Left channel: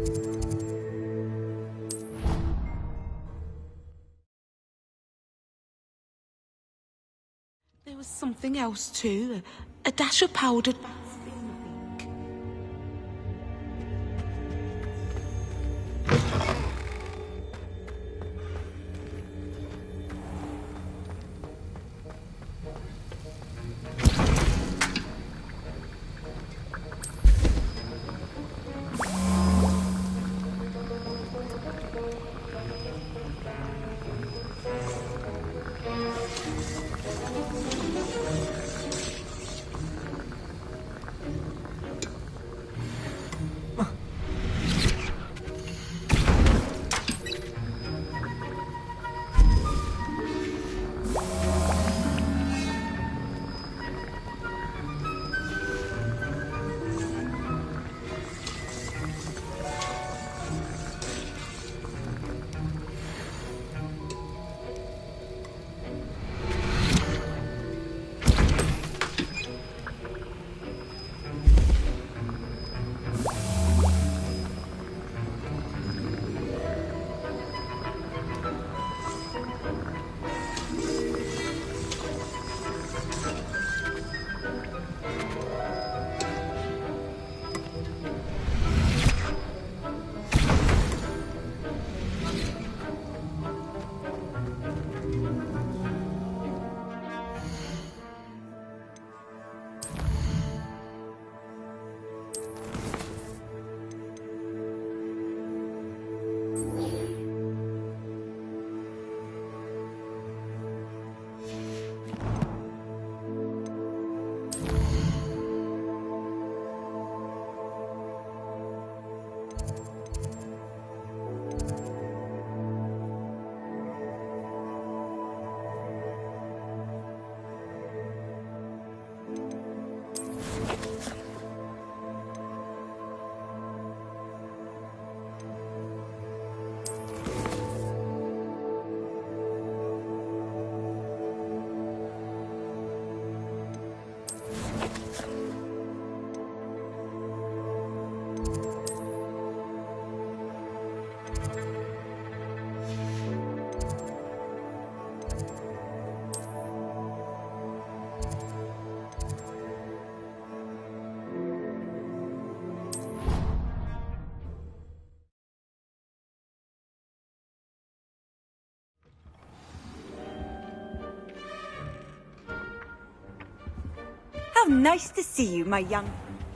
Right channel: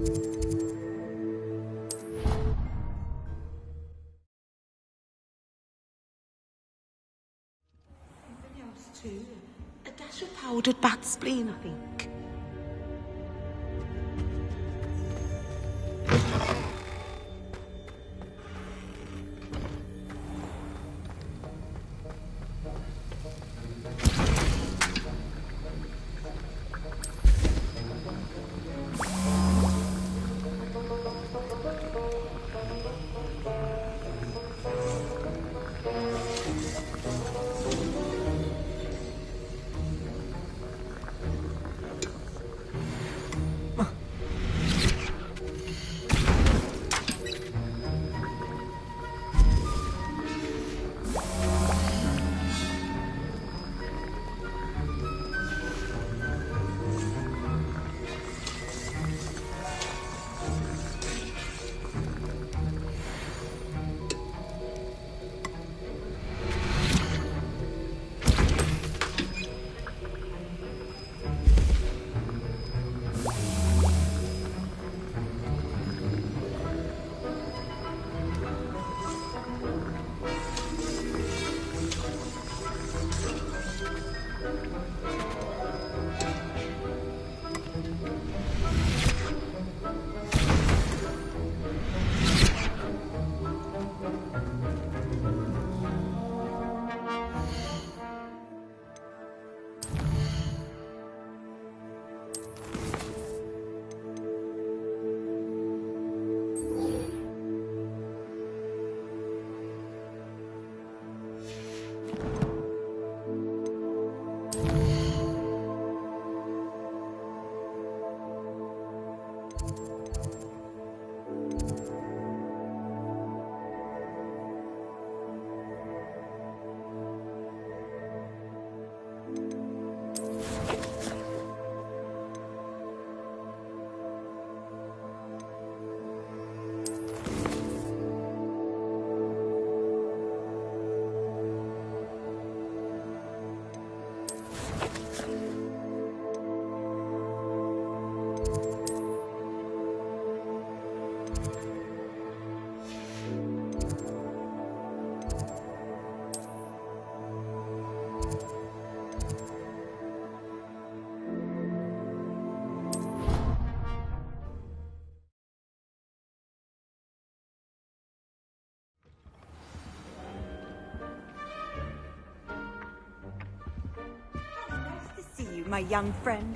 There was something else too. A dash of powdered bat spleen, I think. How nice to see you, my young friend.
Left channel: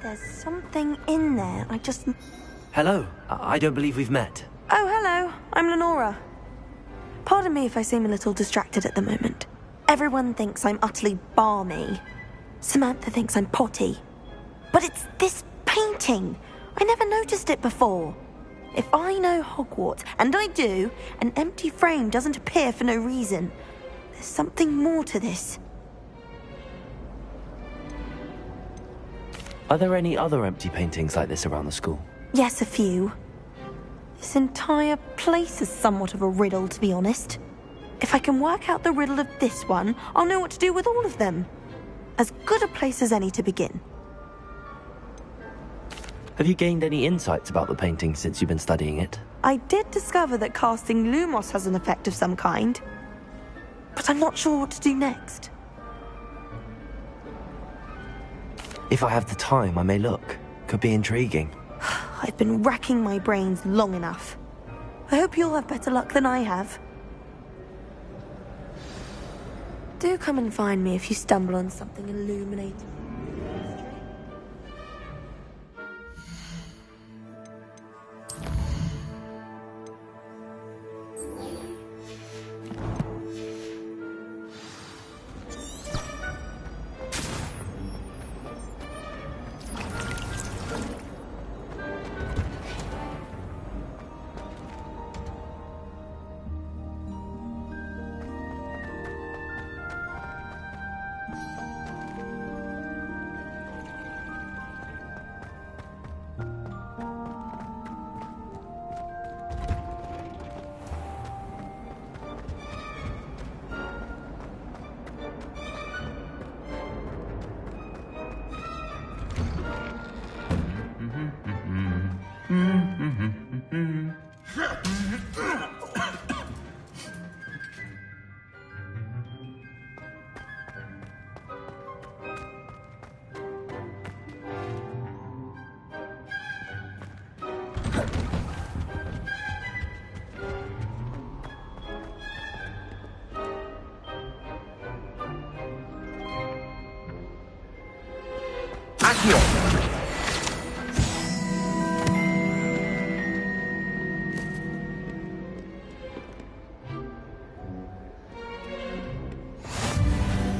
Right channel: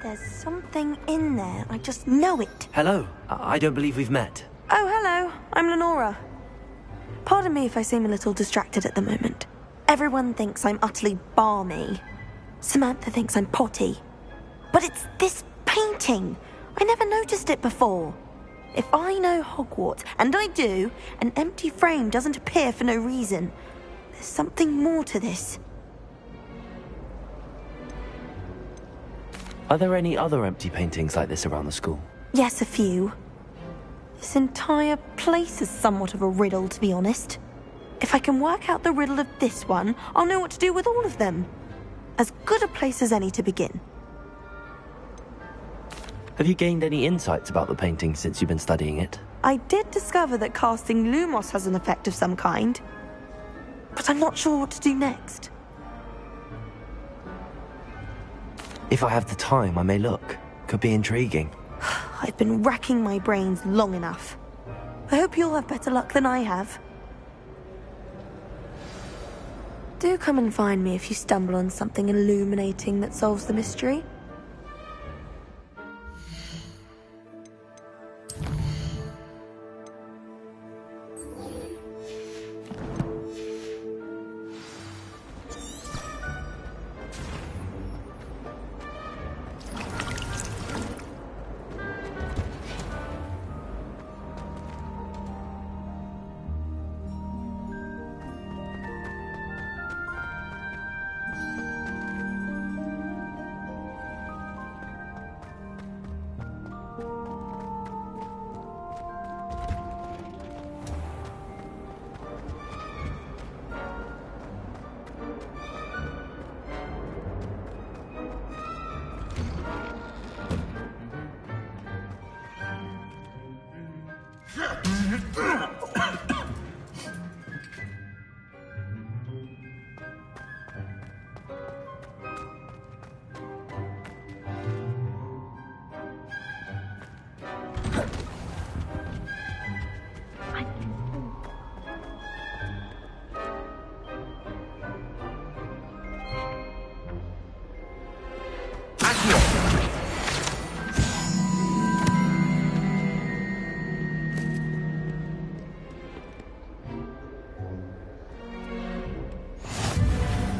There's something in there, I just know it. Hello, I don't believe we've met. Oh, hello, I'm Lenora. Pardon me if I seem a little distracted at the moment. Everyone thinks I'm utterly balmy. Samantha thinks I'm potty. But it's this painting. I never noticed it before. If I know Hogwarts, and I do, an empty frame doesn't appear for no reason. There's something more to this. Are there any other empty paintings like this around the school? Yes, a few. This entire place is somewhat of a riddle, to be honest. If I can work out the riddle of this one, I'll know what to do with all of them. As good a place as any to begin. Have you gained any insights about the painting since you've been studying it? I did discover that casting Lumos has an effect of some kind. But I'm not sure what to do next. If I have the time, I may look. Could be intriguing. I've been racking my brains long enough. I hope you'll have better luck than I have. Do come and find me if you stumble on something illuminating that solves the mystery.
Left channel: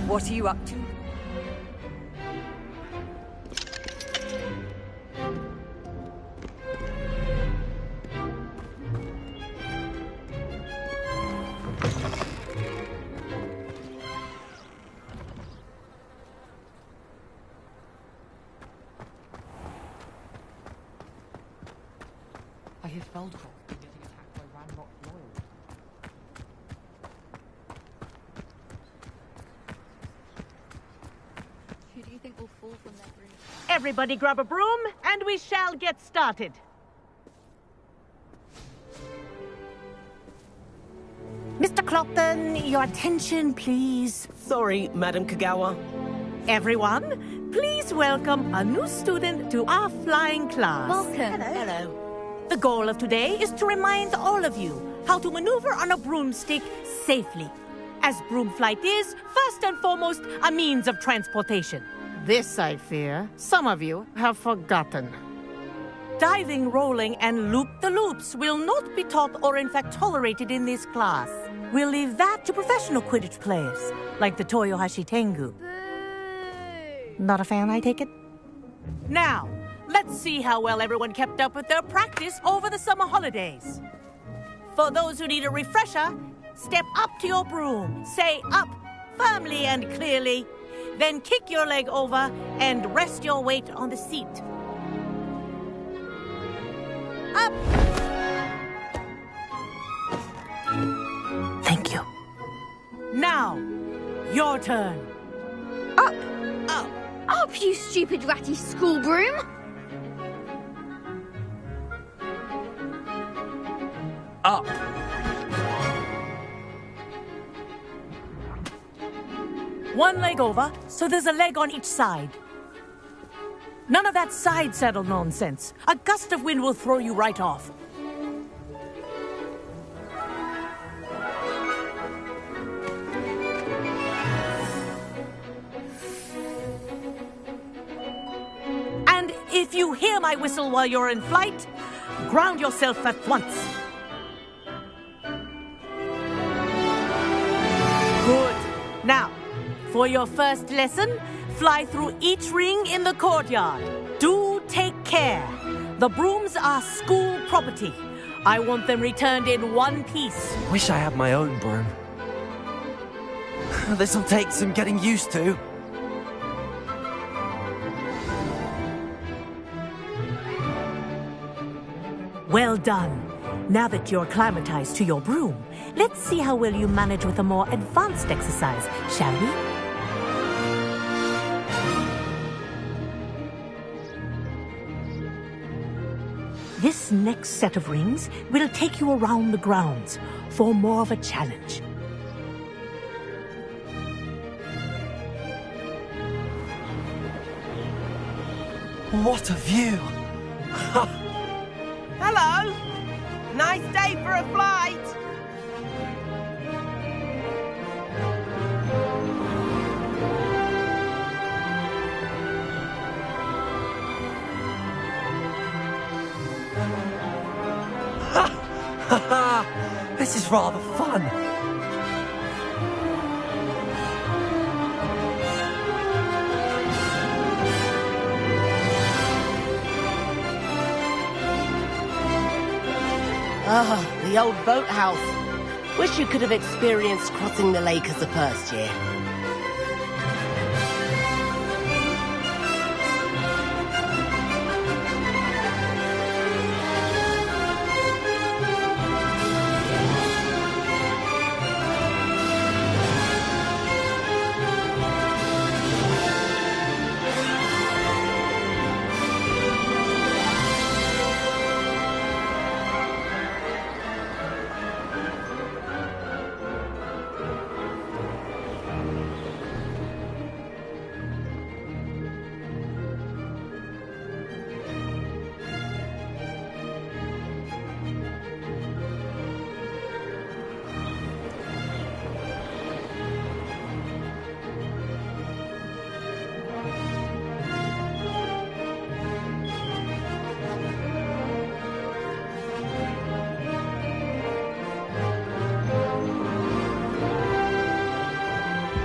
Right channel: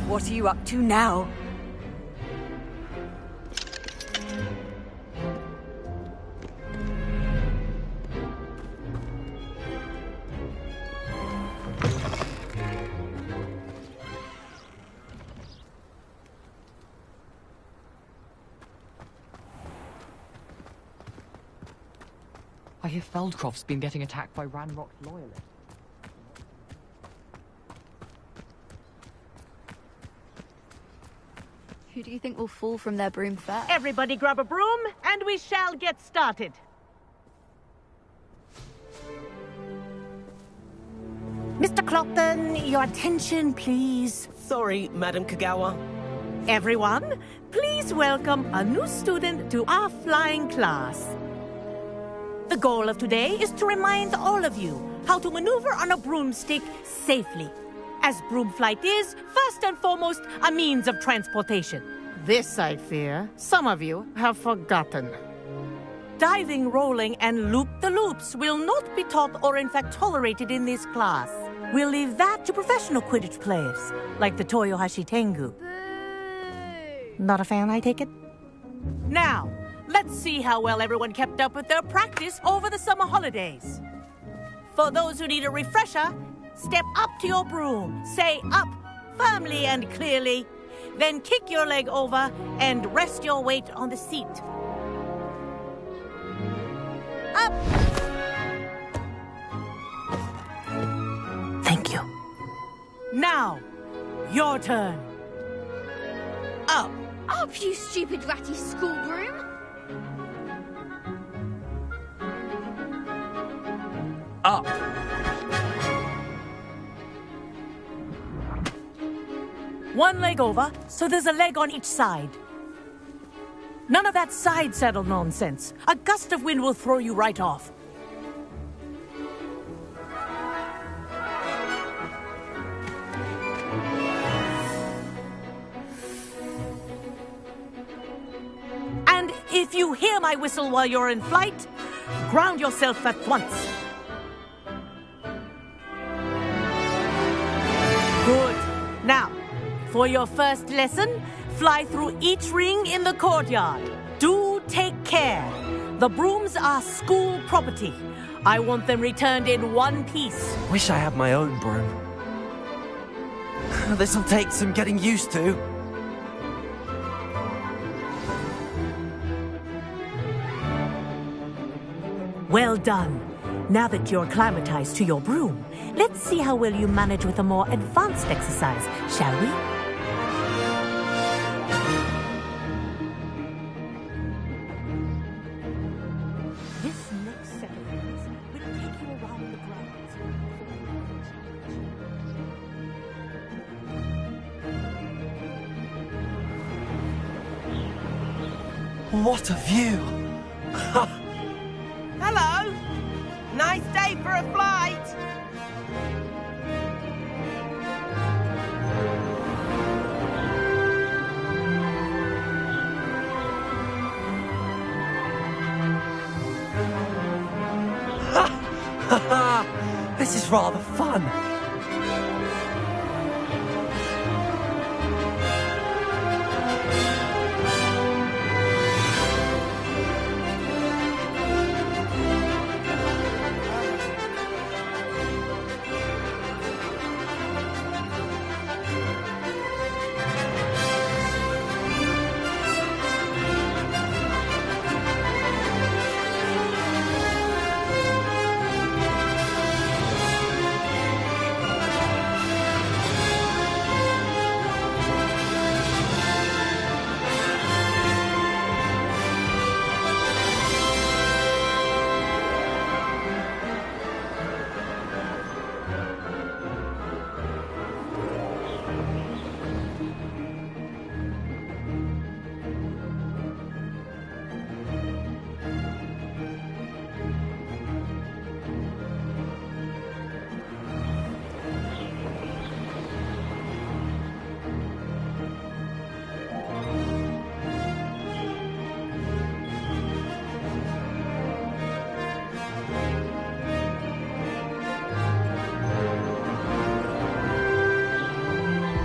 What are you up to now? I hear Feldcroft's been getting attacked by Ranrock loyalists. Who do you think will fall from their broom first? Everybody grab a broom, and we shall get started. Mr. Clopton, your attention, please. Sorry, Madam Kagawa. Everyone, please welcome a new student to our flying class. Welcome. Hello. The goal of today is to remind all of you how to maneuver on a broomstick safely, as broom flight is, first and foremost, a means of transportation. This, I fear, some of you have forgotten. Diving, rolling, and loop-the-loops will not be taught or in fact tolerated in this class. We'll leave that to professional Quidditch players, like the Toyohashi Tengu. Boo! Not a fan, I take it? Now, let's see how well everyone kept up with their practice over the summer holidays. For those who need a refresher, step up to your broom, say up firmly and clearly, then kick your leg over and rest your weight on the seat. Up! Thank you. Now, your turn. Up! Up! Up, you stupid ratty school broom! Up! One leg over, so there's a leg on each side. None of that side saddle nonsense. A gust of wind will throw you right off. And if you hear my whistle while you're in flight, ground yourself at once. Good. Now, for your first lesson, fly through each ring in the courtyard. Do take care. The brooms are school property. I want them returned in one piece. Wish I had my own broom. This'll take some getting used to. Well done. Now that you're acclimatized to your broom, let's see how well you manage with a more advanced exercise, shall we? This next set of rings will take you around the grounds for more of a challenge. What a view! Hello. Nice day for a flight. This is rather fun. Oh, the old boathouse. Wish you could have experienced crossing the lake as a first year.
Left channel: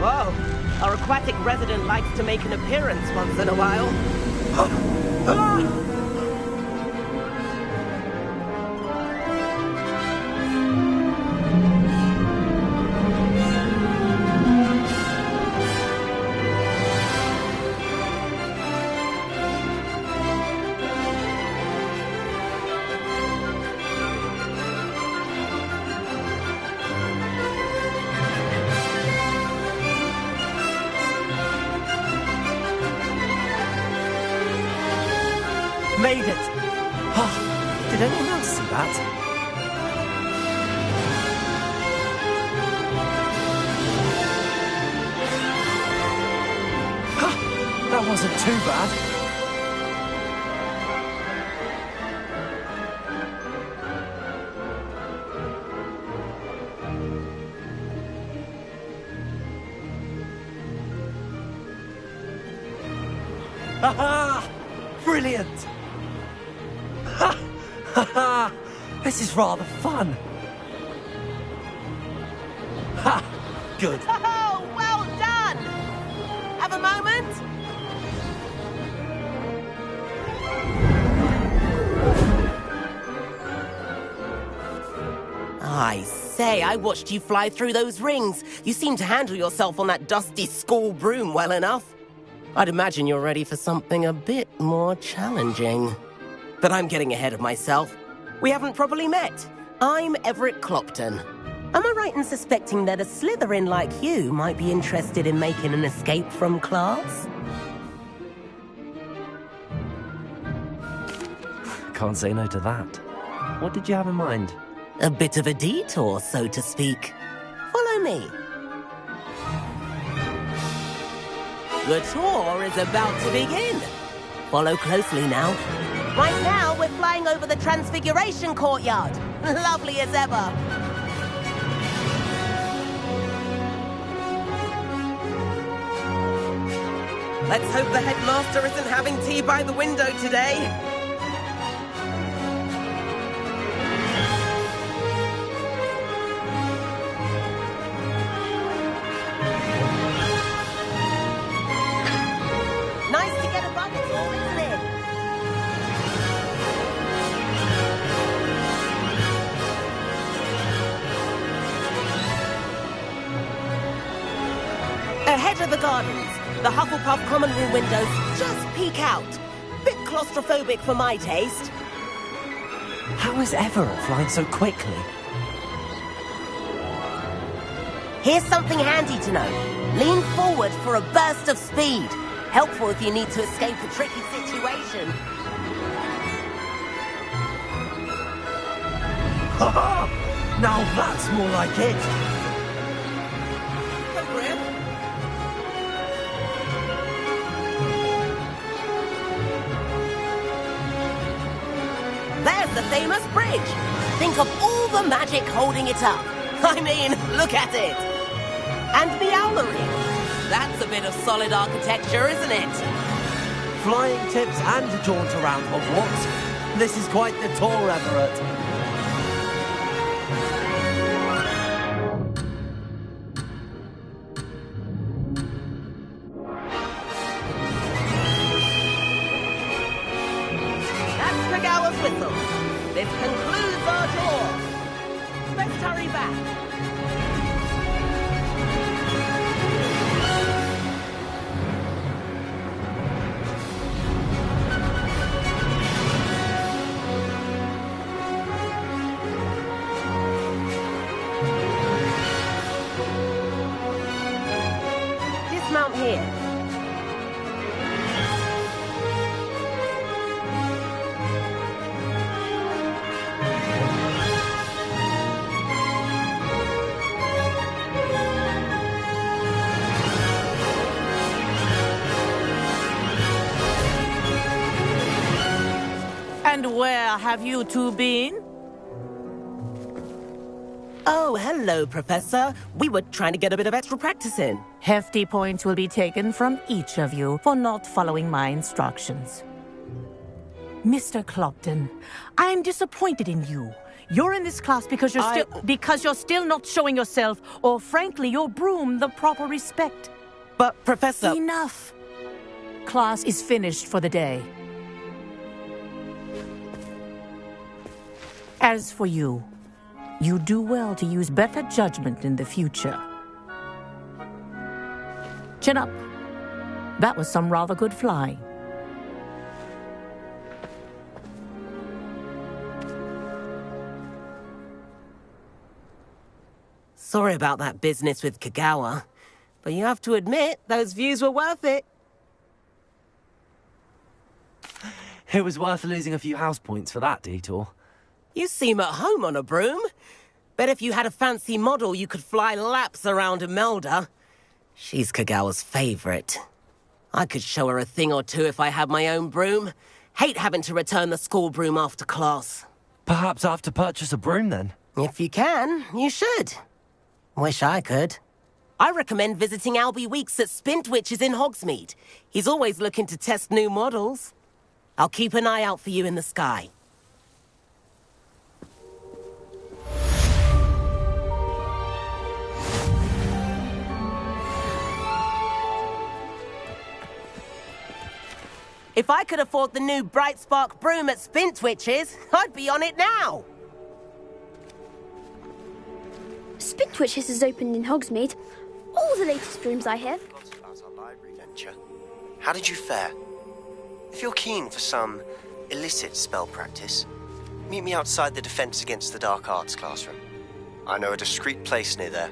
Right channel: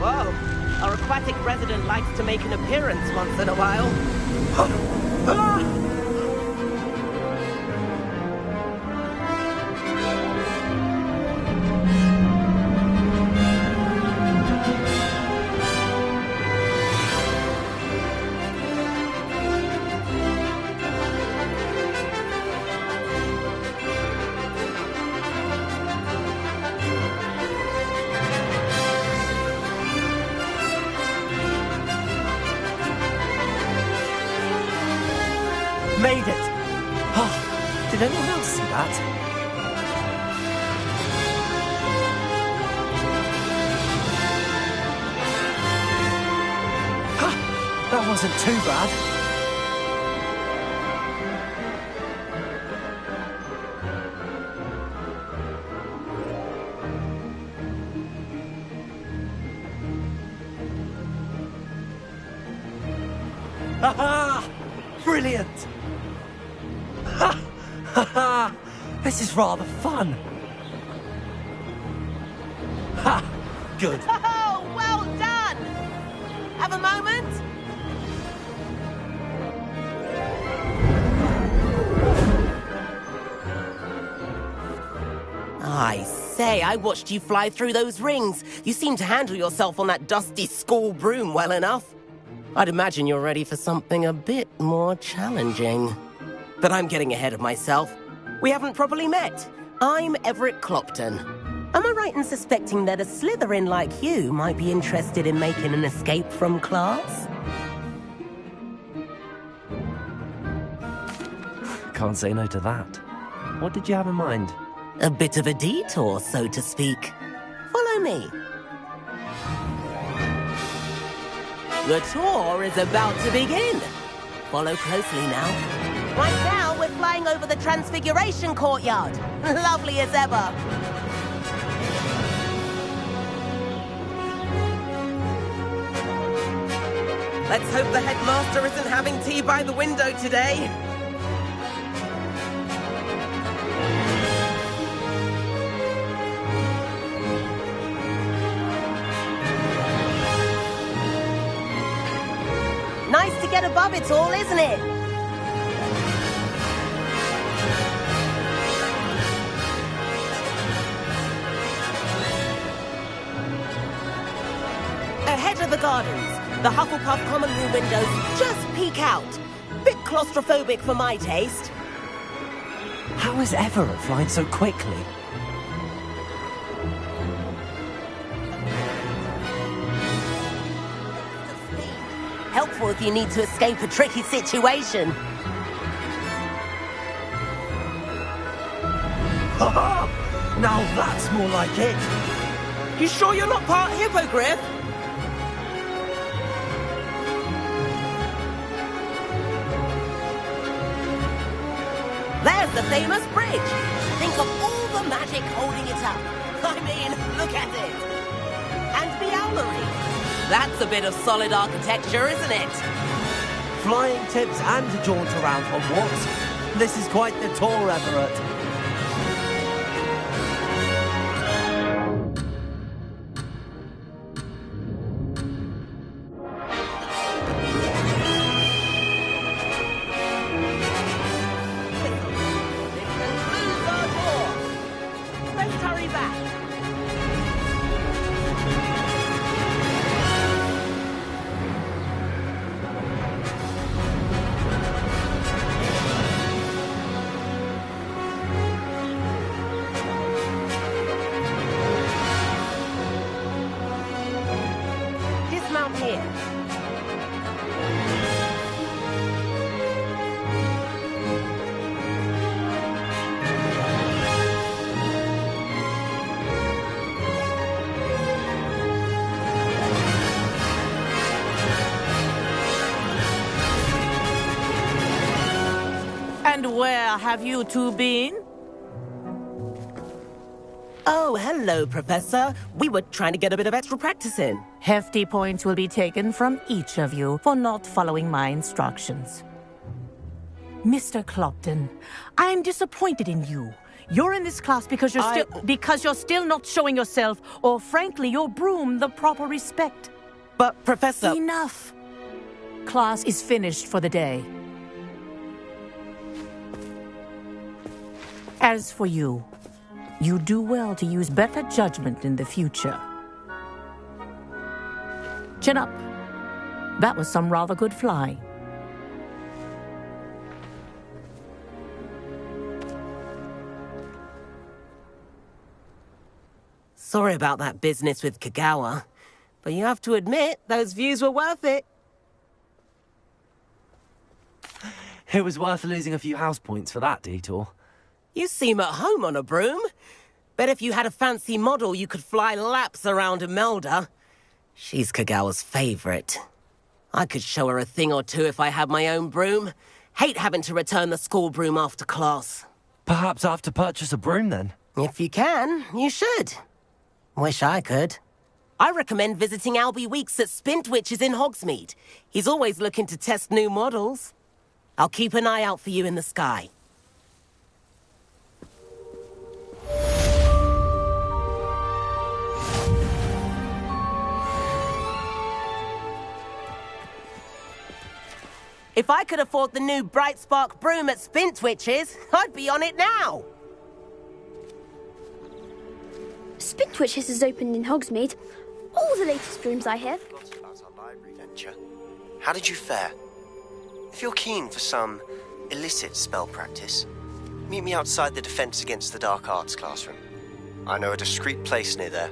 Whoa, our aquatic resident likes to make an appearance once in a while. Made it! Oh, did anyone else see that? That wasn't too bad. Ha! Brilliant! Ha! Ha! This is rather fun. Ha! Good. Oh, well done! Have a moment? I say, I watched you fly through those rings. You seem to handle yourself on that dusty school broom well enough. I'd imagine you're ready for something a bit more challenging. But I'm getting ahead of myself. We haven't properly met. I'm Everett Clopton. Am I right in suspecting that a Slytherin like you might be interested in making an escape from class? Can't say no to that. What did you have in mind? A bit of a detour, so to speak. Follow me. The tour is about to begin. Follow closely now. Right now, we're flying over the Transfiguration Courtyard. Lovely as ever. Let's hope the headmaster isn't having tea by the window today. Nice to get above it all, isn't it? Ahead of the gardens, the Hufflepuff common room windows just peek out. Bit claustrophobic for my taste. How is Everett flying so quickly? Here's something handy to know. Lean forward for a burst of speed. Helpful if you need to escape a tricky situation. Ha ha! Now that's more like it! You sure you're not part hippogriff? There's the famous bridge. Think of all the magic holding it up. I mean, look at it. And the owlery. That's a bit of solid architecture, isn't it? Flying tips and a jaunt around Hogwarts. This is quite the tour, Everett. That's Tregower's whistle. This concludes our tour. Let's hurry back. Dismount here. And where have you two been? Oh, hello, Professor. We were trying to get a bit of extra practice in. Hefty points will be taken from each of you for not following my instructions. Mr. Clopton, I'm disappointed in you. You're in this class because you're still not showing yourself, or frankly, your broom the proper respect. But, Professor... Enough. Class is finished for the day. As for you, you do well to use better judgment in the future. Chin up. That was some rather good flying. Sorry about that business with Kagawa, but you have to admit, those views were worth it. It was worth losing a few house points for that detour. You seem at home on a broom. Bet if you had a fancy model, you could fly laps around Imelda. She's Kagawa's favorite. I could show her a thing or two if I had my own broom. Hate having to return the school broom after class. Perhaps I have to purchase a broom then? If you can, you should. Wish I could. I recommend visiting Albie Weeks at Spintwitches in Hogsmeade. He's always looking to test new models. I'll keep an eye out for you in the sky. If I could afford the new Bright Spark broom at Spintwitches, I'd be on it now. Spintwitches has opened in Hogsmeade. All the latest brooms, I hear. Lots about our library venture. How did you fare? If you're keen for some illicit spell practice, meet me outside the Defense Against the Dark Arts classroom. I know a discreet place near there.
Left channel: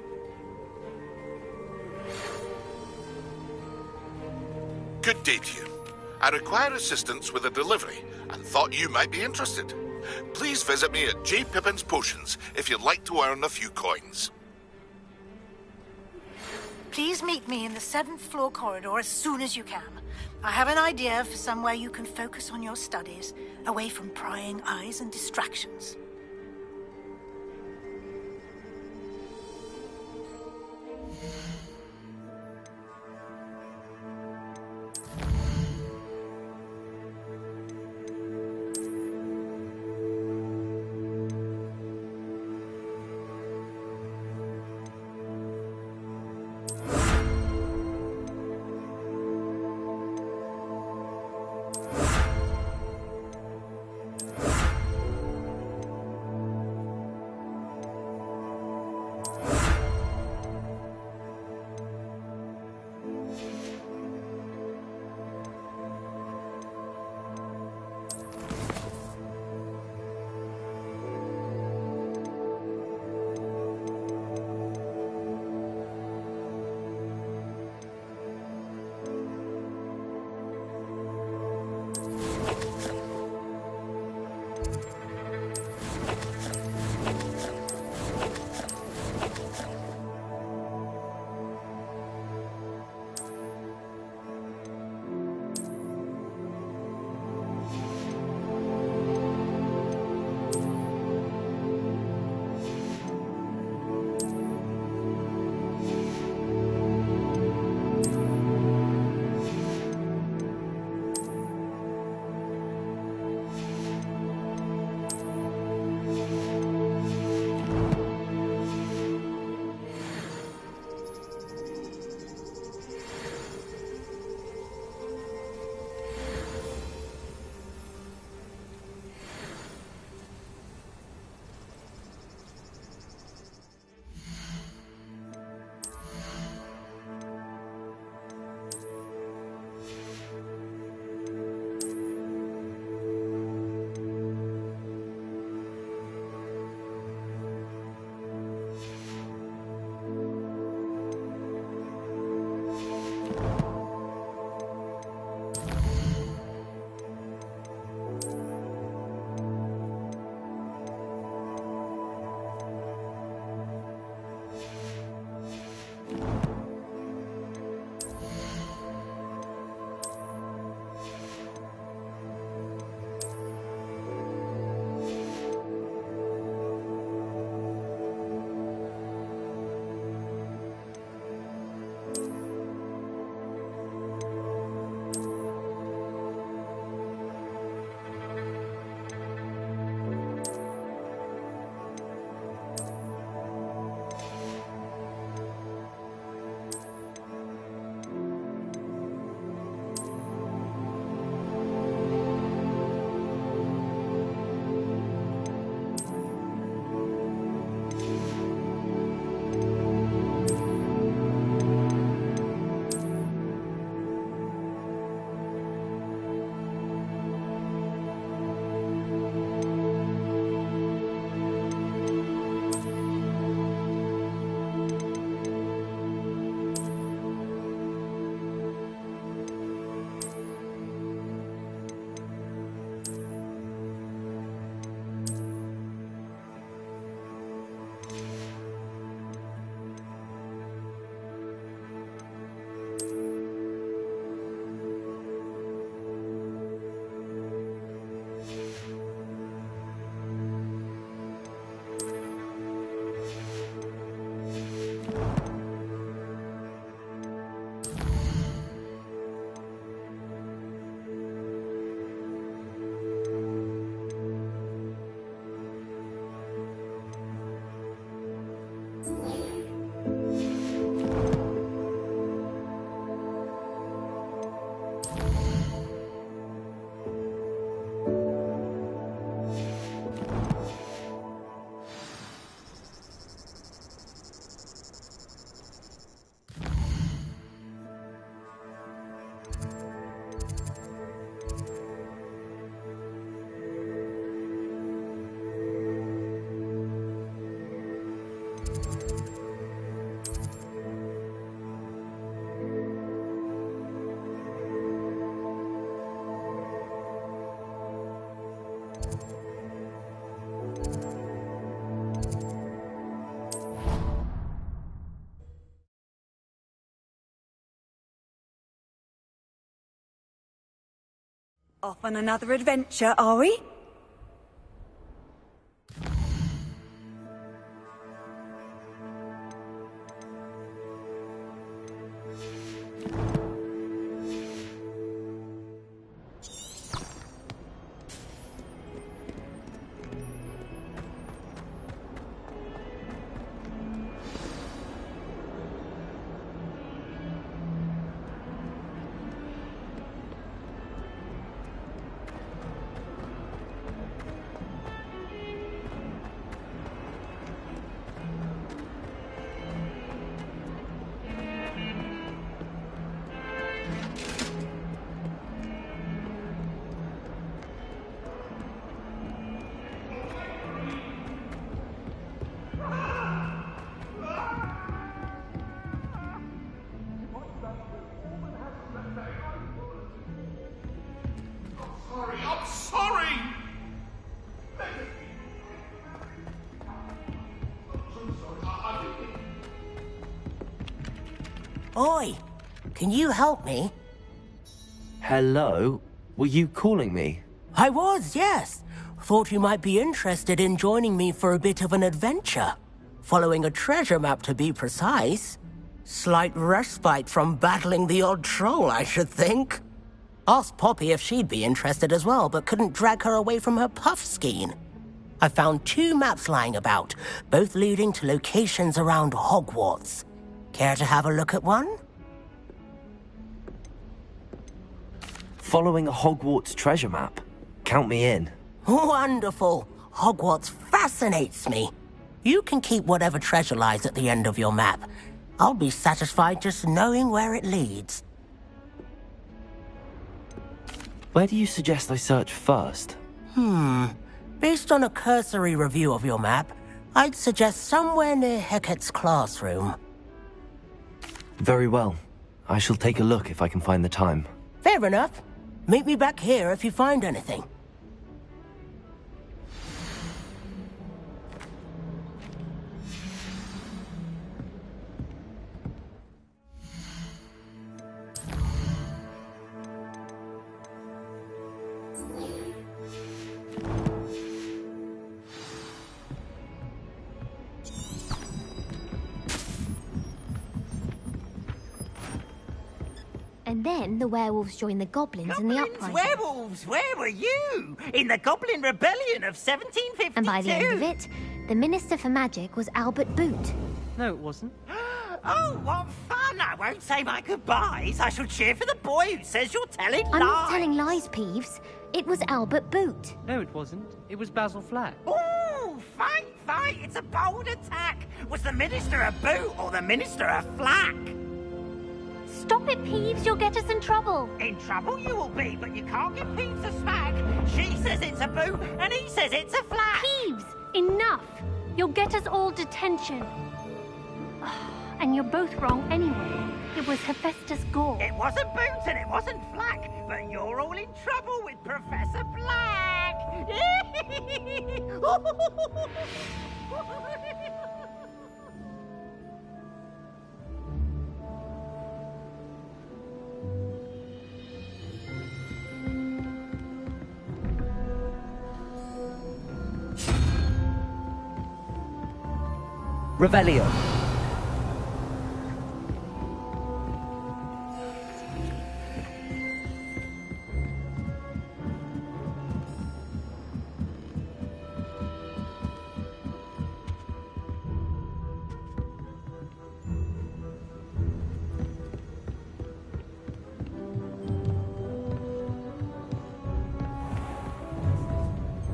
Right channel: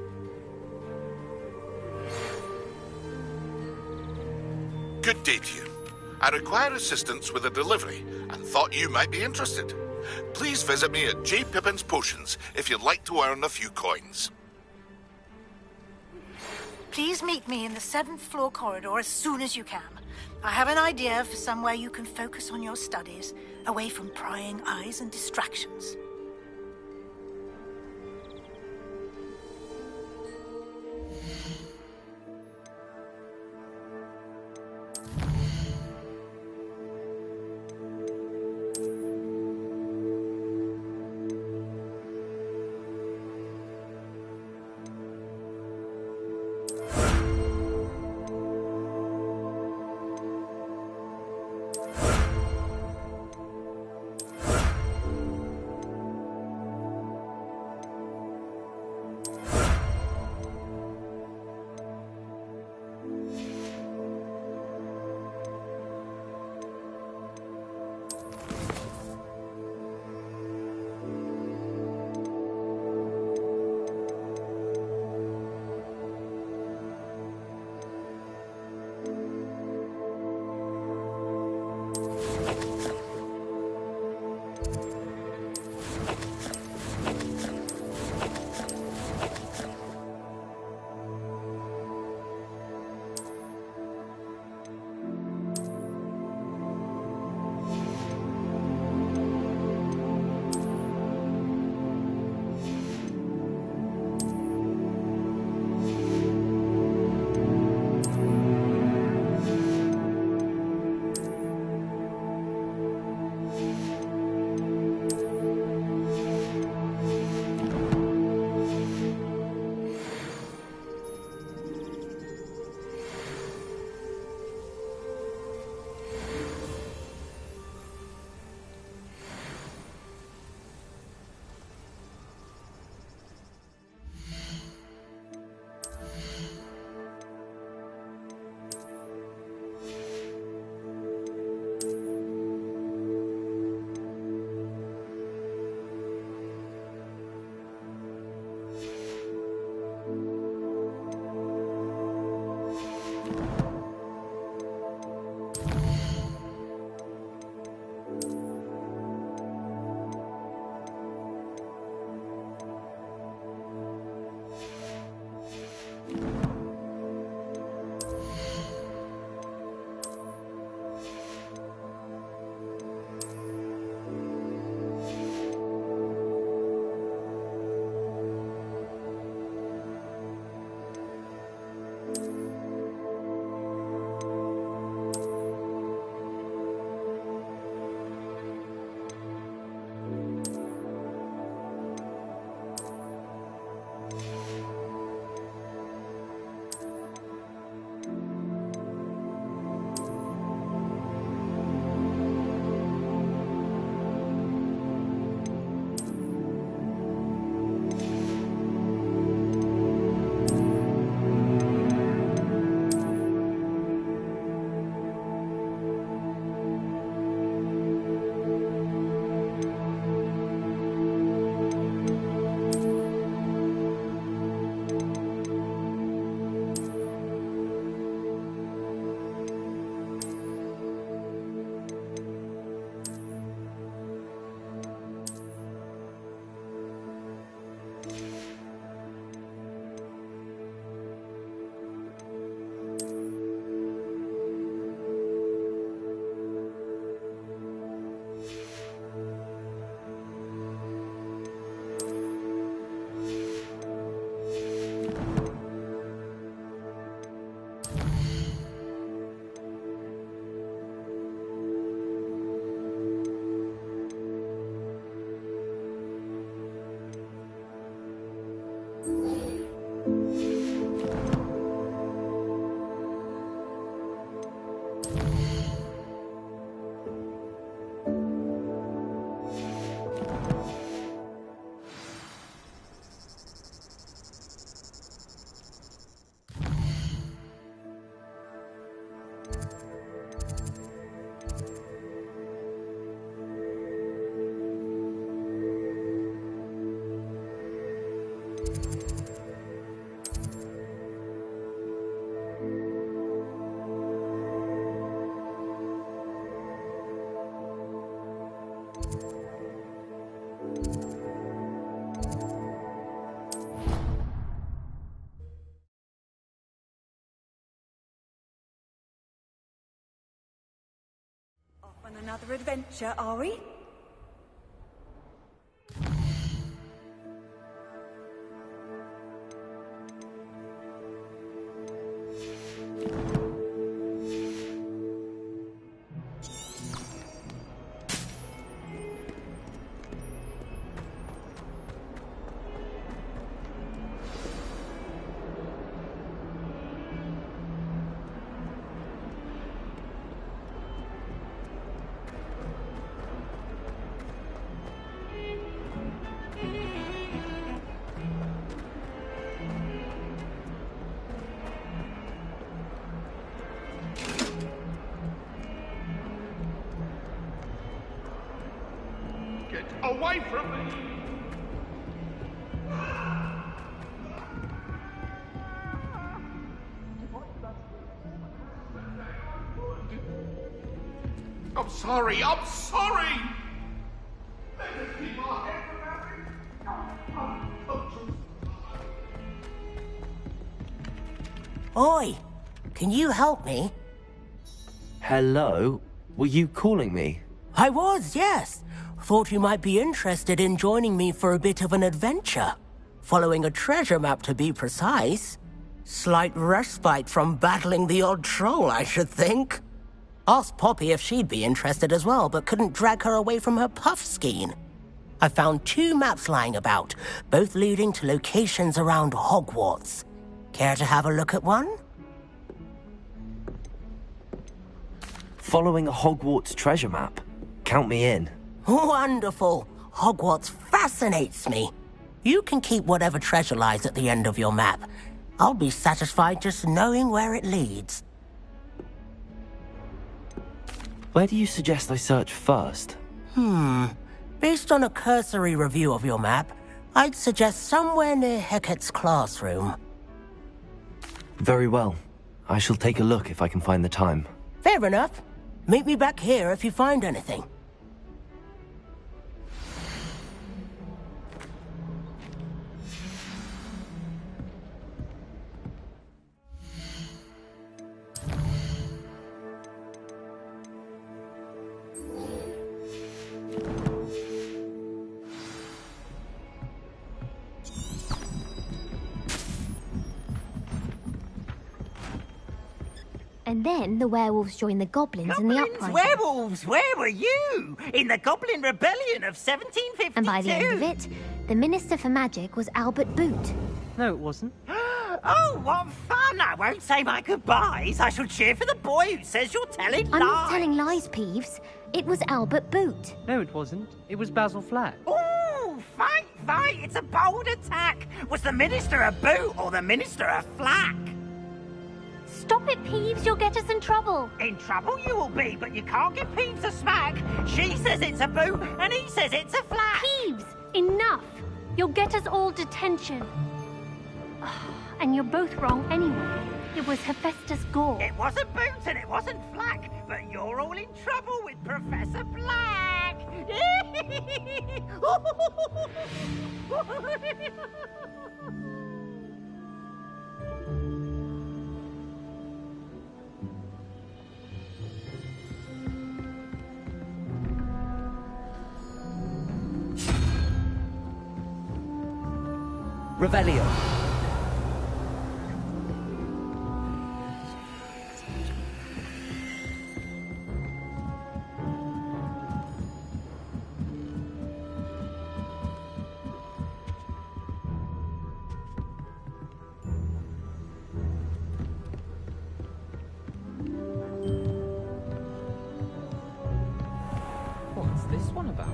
Good day to you. I require assistance with a delivery and thought you might be interested. Please visit me at J. Pippin's Potions if you'd like to earn a few coins. Please meet me in the 7th floor corridor as soon as you can. I have an idea for somewhere you can focus on your studies, away from prying eyes and distractions. Off on another adventure, are we? Away from me! I'm sorry, I'm sorry! Let us keep our heads Oi! Can you help me? Hello? Were you calling me? I was, yes. Thought you might be interested in joining me for a bit of an adventure. Following a treasure map, to be precise. Slight respite from battling the odd troll, I should think. Asked Poppy if she'd be interested as well, but couldn't drag her away from her puff skein. I found 2 maps lying about, both leading to locations around Hogwarts. Care to have a look at one? Following a Hogwarts treasure map? Count me in. Wonderful. Hogwarts fascinates me. You can keep whatever treasure lies at the end of your map. I'll be satisfied just knowing where it leads. Where do you suggest I search first? Based on a cursory review of your map, I'd suggest somewhere near Hecat's classroom. Very well. I shall take a look if I can find the time. Fair enough. Meet me back here if you find anything. And then the werewolves joined the goblins in the uprising. Werewolves, where were you? In the Goblin Rebellion of 1752. And by the end of it, the Minister for Magic was Albert Boot. No, it wasn't. Oh, what fun! I won't say my goodbyes. I shall cheer for the boy who says you're telling lies. I'm not telling lies, Peeves. It was Albert Boot. No, it wasn't. It was Basil Flack. Ooh, fight! It's a bold attack. Was the Minister a boot or the Minister a flack? Stop it, Peeves. You'll get us in trouble. In trouble you will be, but you can't give Peeves a smack. She says it's a boot, and he says it's a flack. Peeves, enough. You'll get us all detention. And you're both wrong anyway. It was Hephaestus Gore. It wasn't boot and it wasn't flack, but you're all in trouble with Professor Black. Revelio. What's this one about?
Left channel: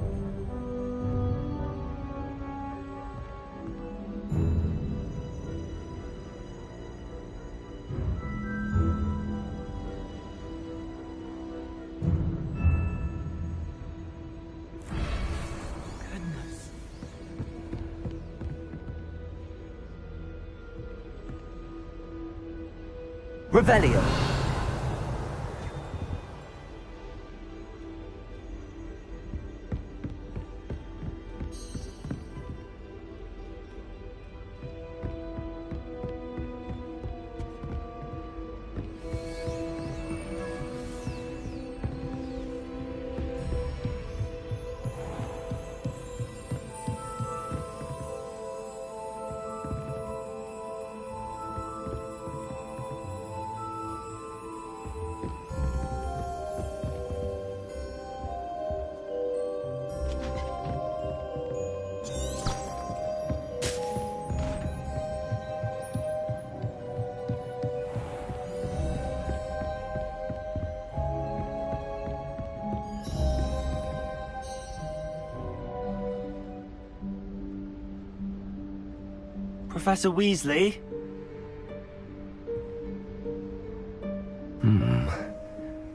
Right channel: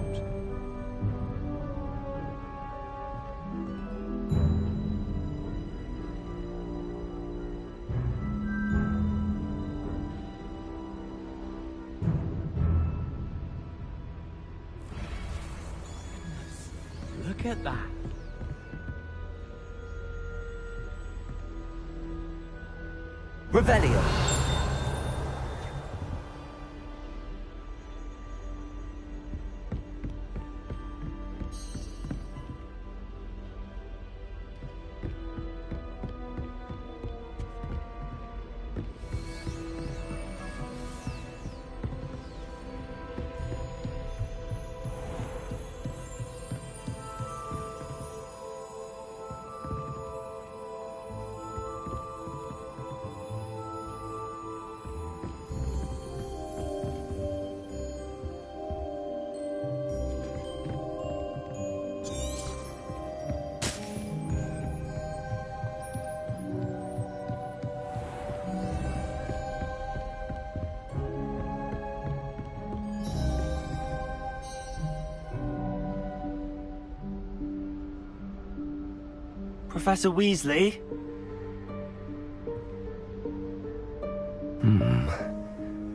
Goodness, look at that. Revelio. Professor Weasley?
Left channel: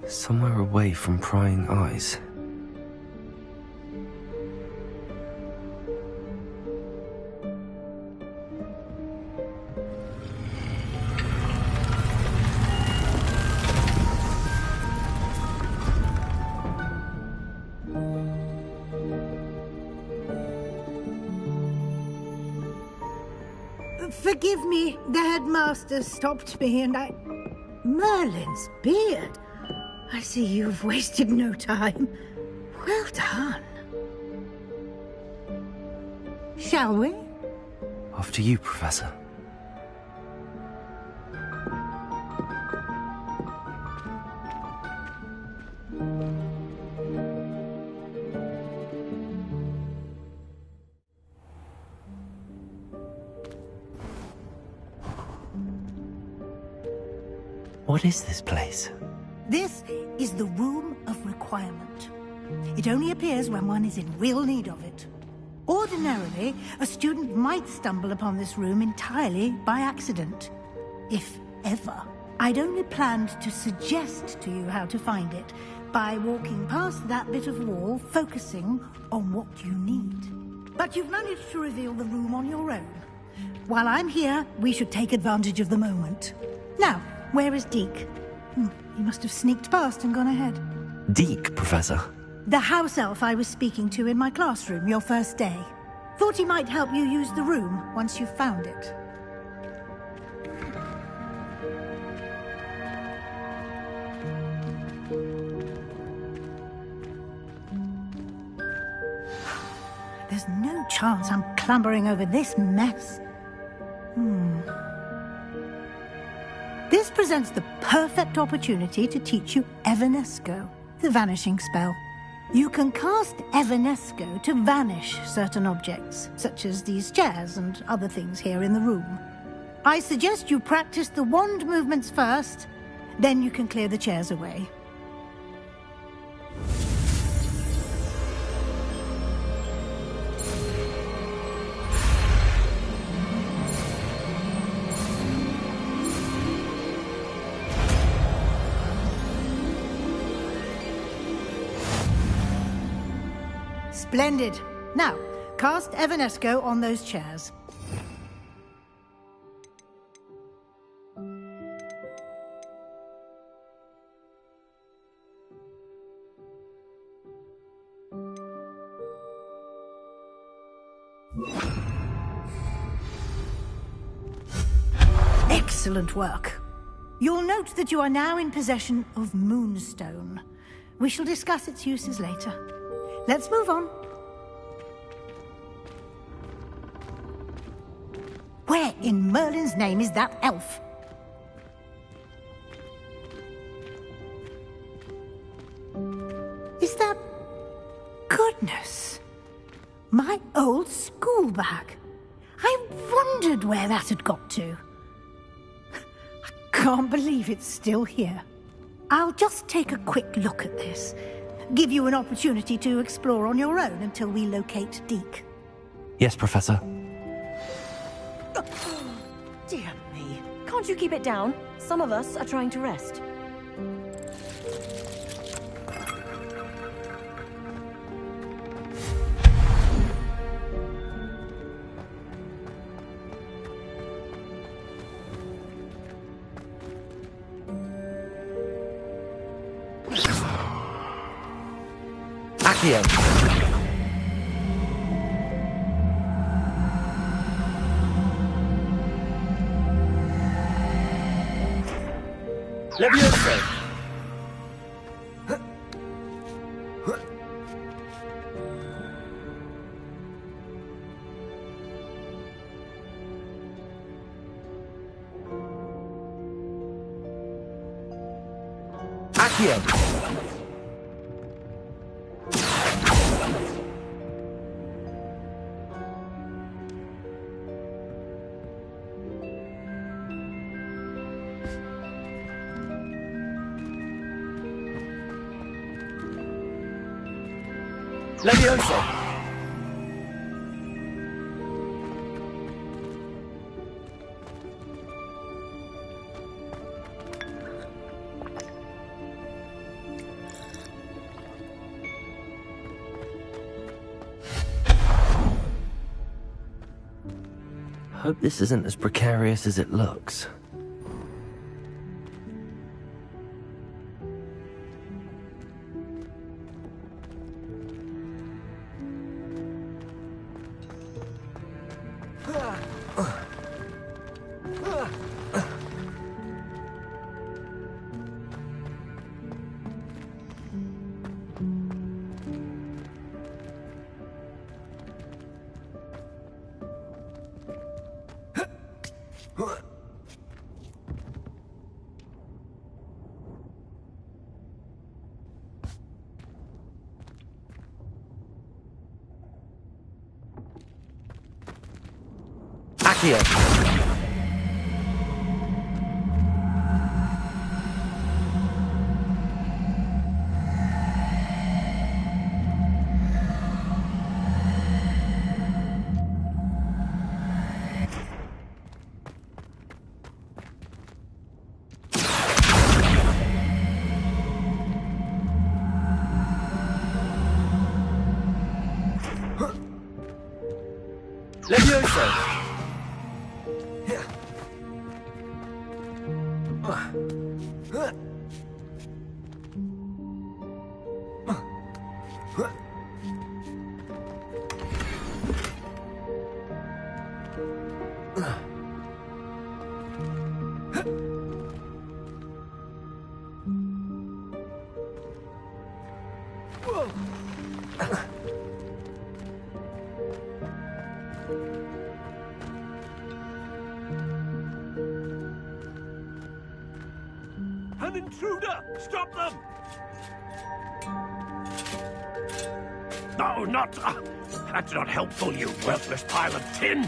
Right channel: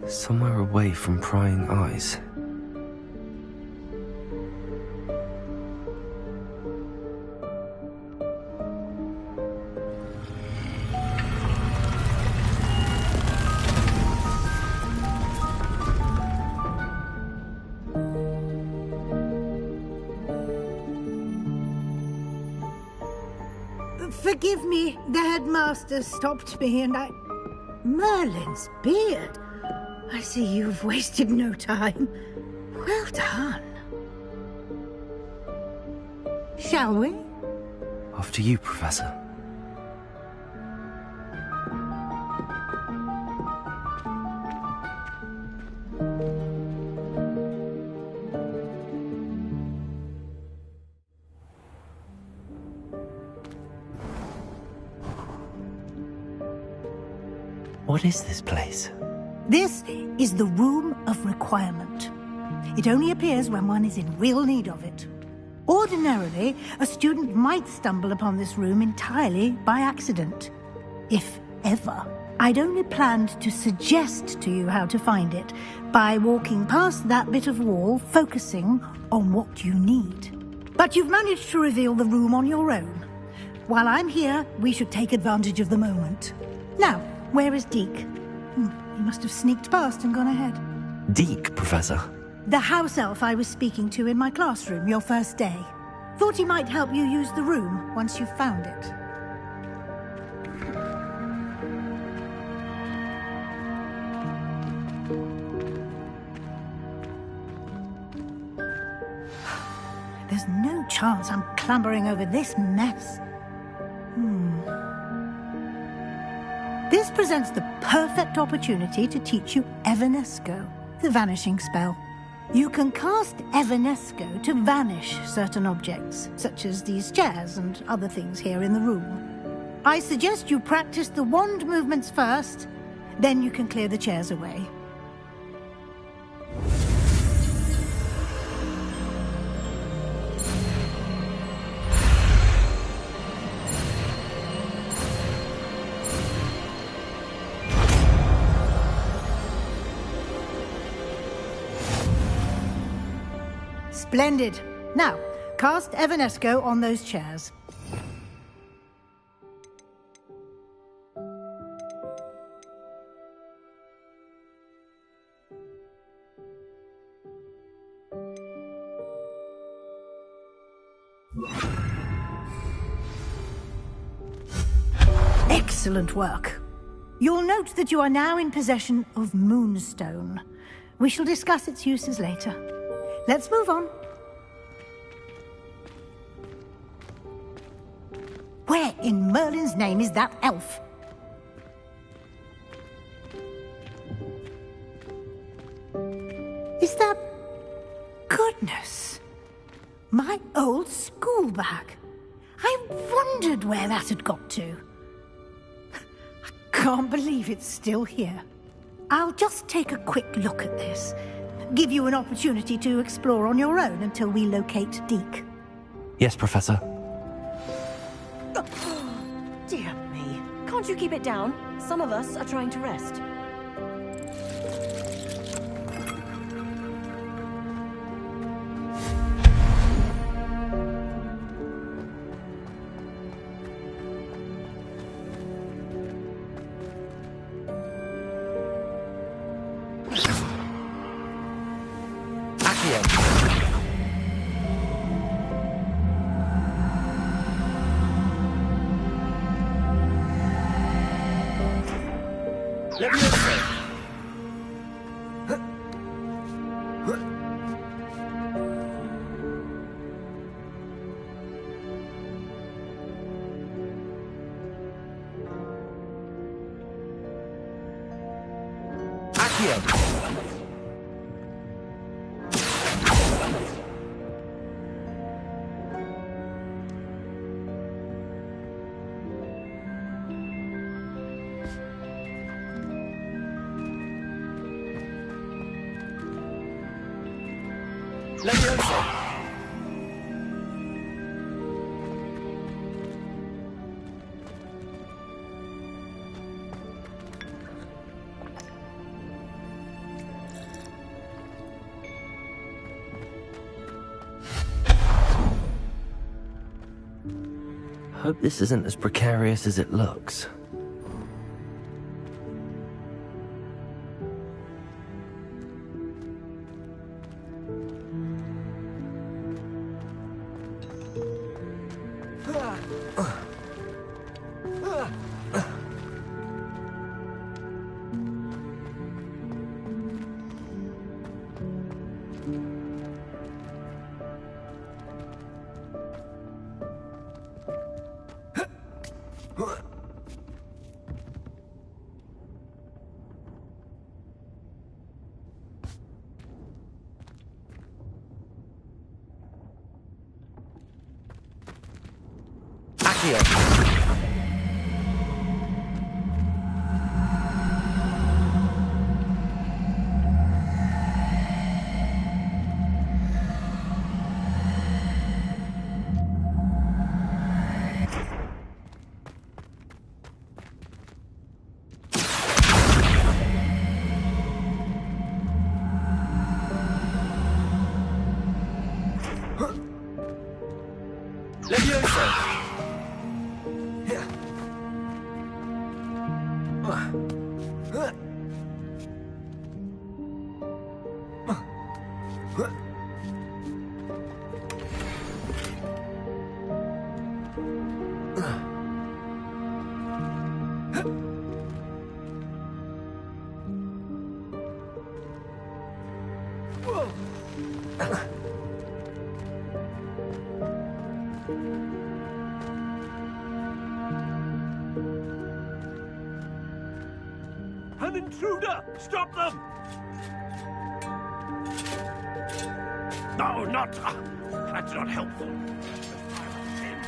Somewhere away from prying eyes. Forgive me, the headmaster stopped me and Merlin's beard. I see you've wasted no time. Well done. Shall we? After you, Professor. What is this place? This is the Room of Requirement. It only appears when one is in real need of it. Ordinarily, a student might stumble upon this room entirely by accident. If ever. I'd only planned to suggest to you how to find it by walking past that bit of wall, focusing on what you need. But you've managed to reveal the room on your own. While I'm here, we should take advantage of the moment. Now, where is Deke? He must have sneaked past and gone ahead. Deke, Professor? The house elf I was speaking to in my classroom your first day. Thought he might help you use the room once you've found it. There's no chance I'm clambering over this mess. This presents the perfect opportunity to teach you Evanesco, the vanishing spell. You can cast Evanesco to vanish certain objects, such as these chairs and other things here in the room. I suggest you practice the wand movements first, then you can clear the chairs away. Splendid. Now, cast Evanesco on those chairs. Excellent work. You'll note that you are now in possession of Moonstone. We shall discuss its uses later. Let's move on. Where in Merlin's name is that elf? Is that... Goodness! My old school bag. I wondered where that had got to. I can't believe it's still here. I'll just take a quick look at this. Give you an opportunity to explore on your own until we locate Deke. Yes, Professor. Dear me. Can't you keep it down? Some of us are trying to rest. Hope this isn't as precarious as it looks. An intruder! Stop them! No, not... that's not helpful, you worthless pile of tin!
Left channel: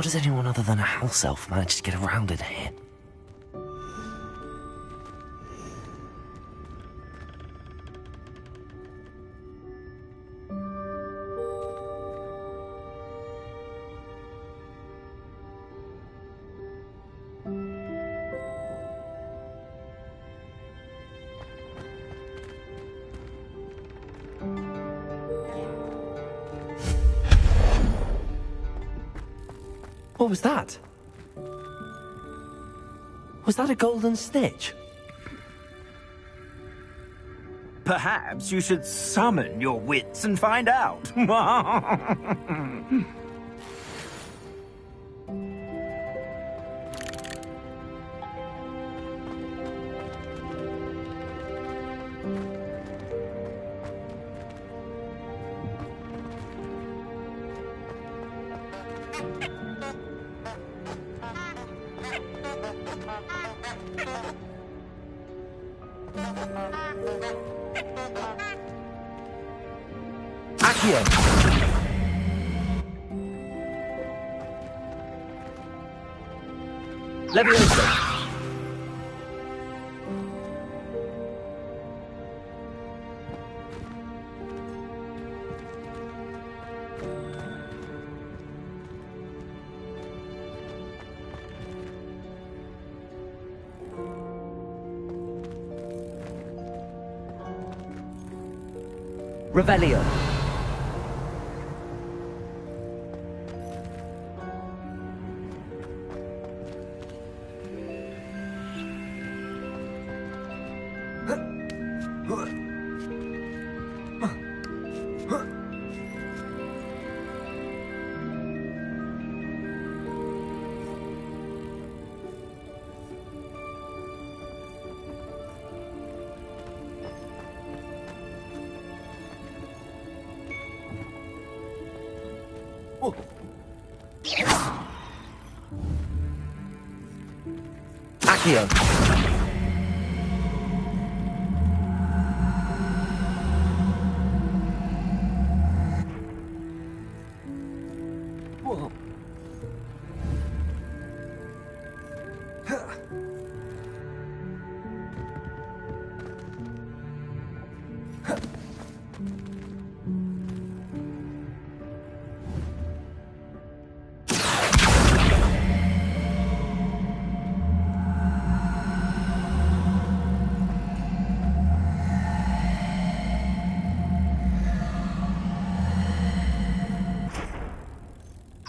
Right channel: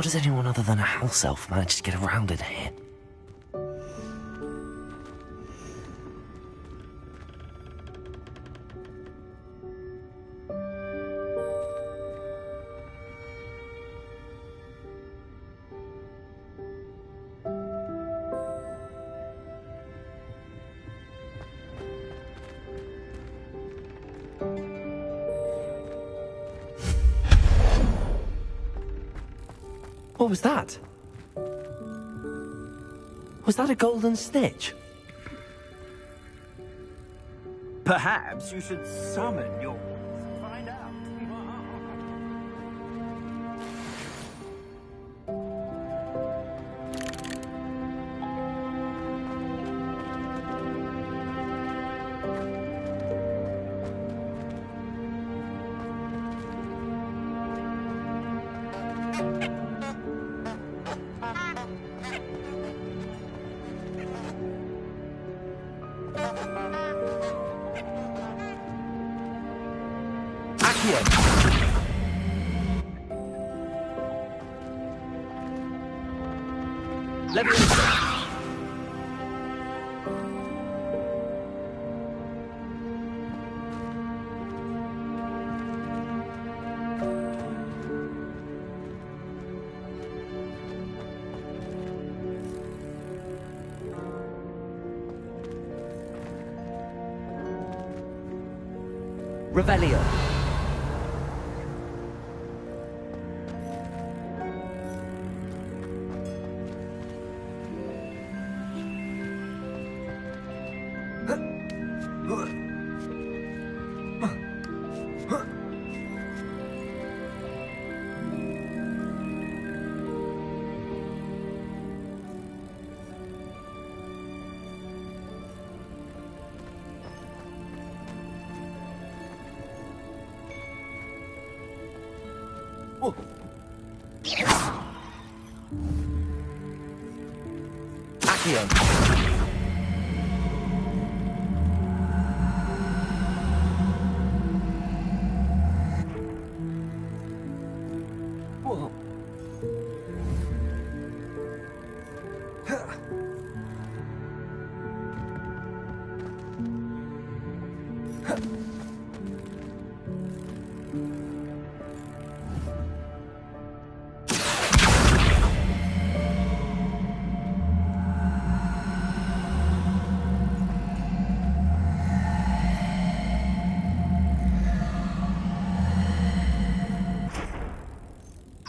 How does anyone other than a house elf manage to get around in here? What was that? Was that a golden snitch? Perhaps you should summon your wits and find out. Revelio. Accio.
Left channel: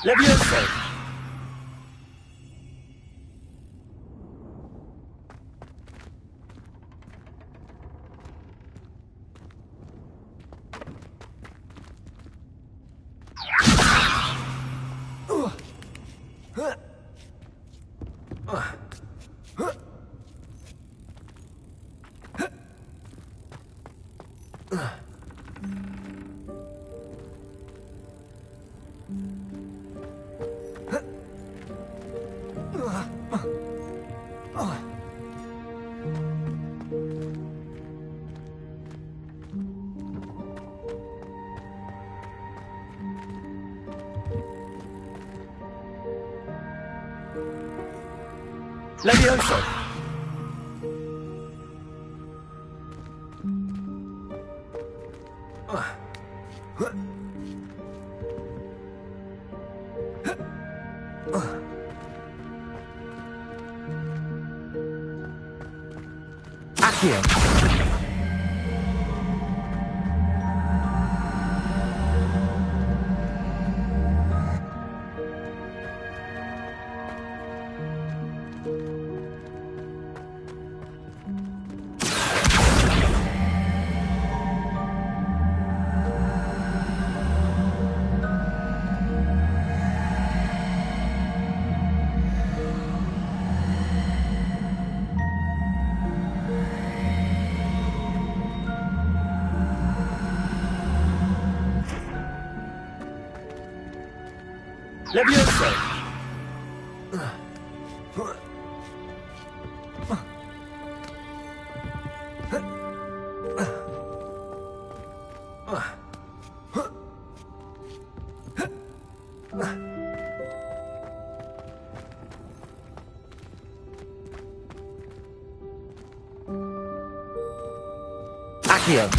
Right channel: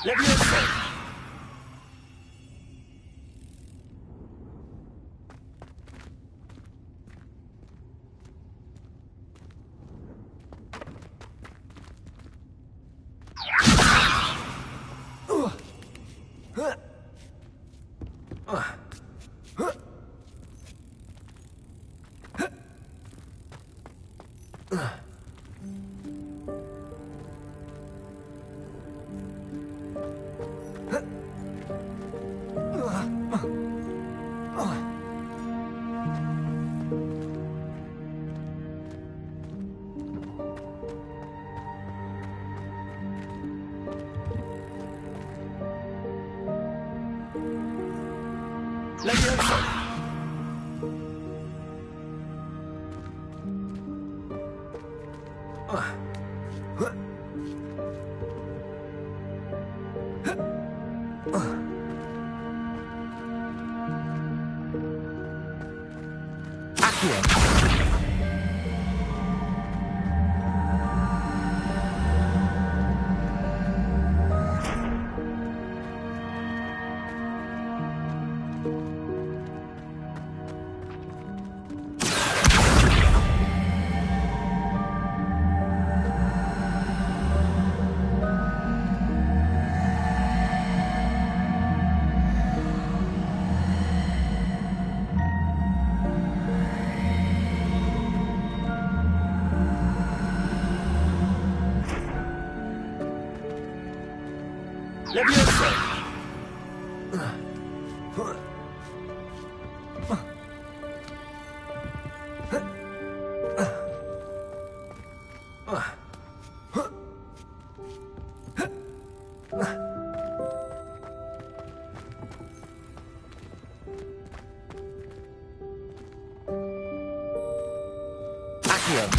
Levioso. Levioso. Accio. Levioso. Accio.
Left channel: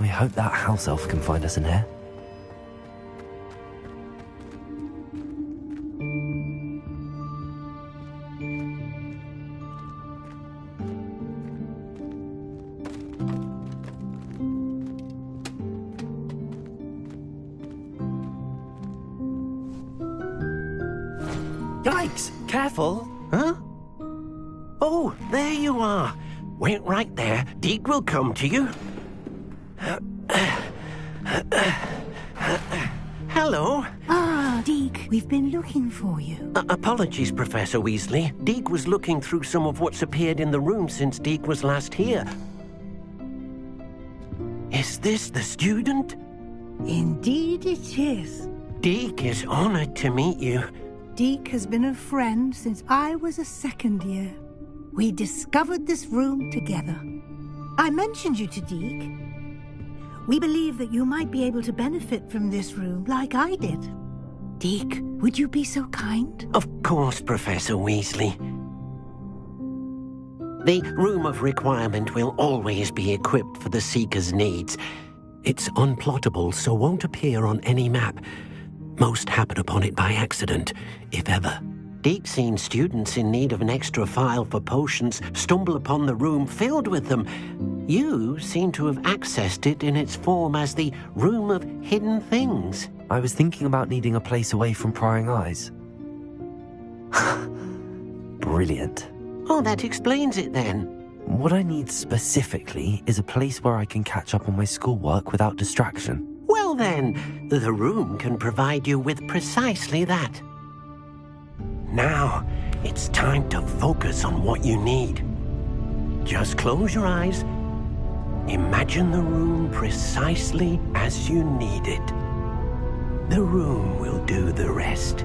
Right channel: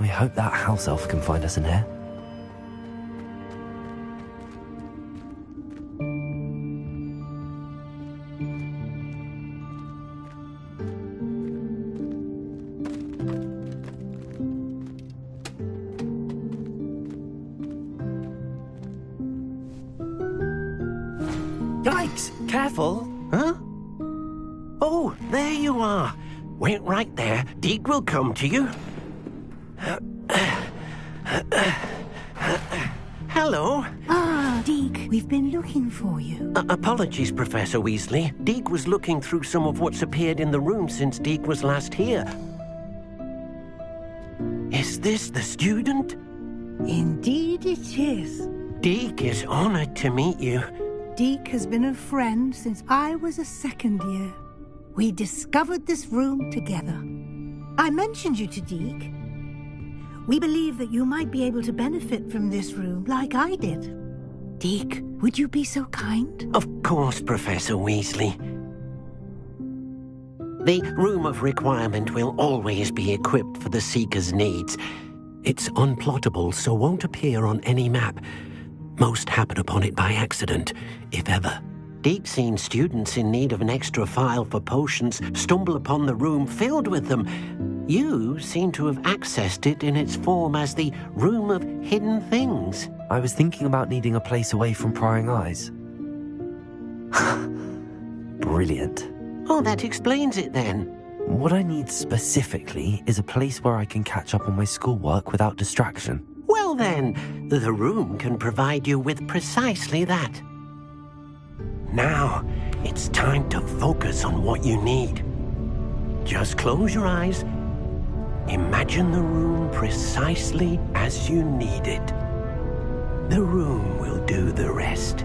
I hope that house elf can find us in here. Yikes! Careful! Huh? Oh, there you are. Wait right there. Deke will come to you. Hello. Ah, Deke, we've been looking for you. Apologies, Professor Weasley. Deke was looking through some of what's appeared in the room since Deke was last here. Is this the student? Indeed it is. Deke is honored to meet you. Deke has been a friend since I was a second year. We discovered this room together. I mentioned you to Deke. We believe that you might be able to benefit from this room like I did. Deke, would you be so kind? Of course, Professor Weasley. The Room of Requirement will always be equipped for the Seeker's needs. It's unplottable, so won't appear on any map. Most happen upon it by accident, if ever. Deke's seen students in need of an extra file for potions stumble upon the room filled with them. You seem to have accessed it in its form as the Room of Hidden Things. I was thinking about needing a place away from prying eyes. Brilliant. Oh, that explains it then. What I need specifically is a place where I can catch up on my schoolwork without distraction. Well then, the room can provide you with precisely that. Now, it's time to focus on what you need. Just close your eyes. Imagine the room precisely as you need it. The room will do the rest.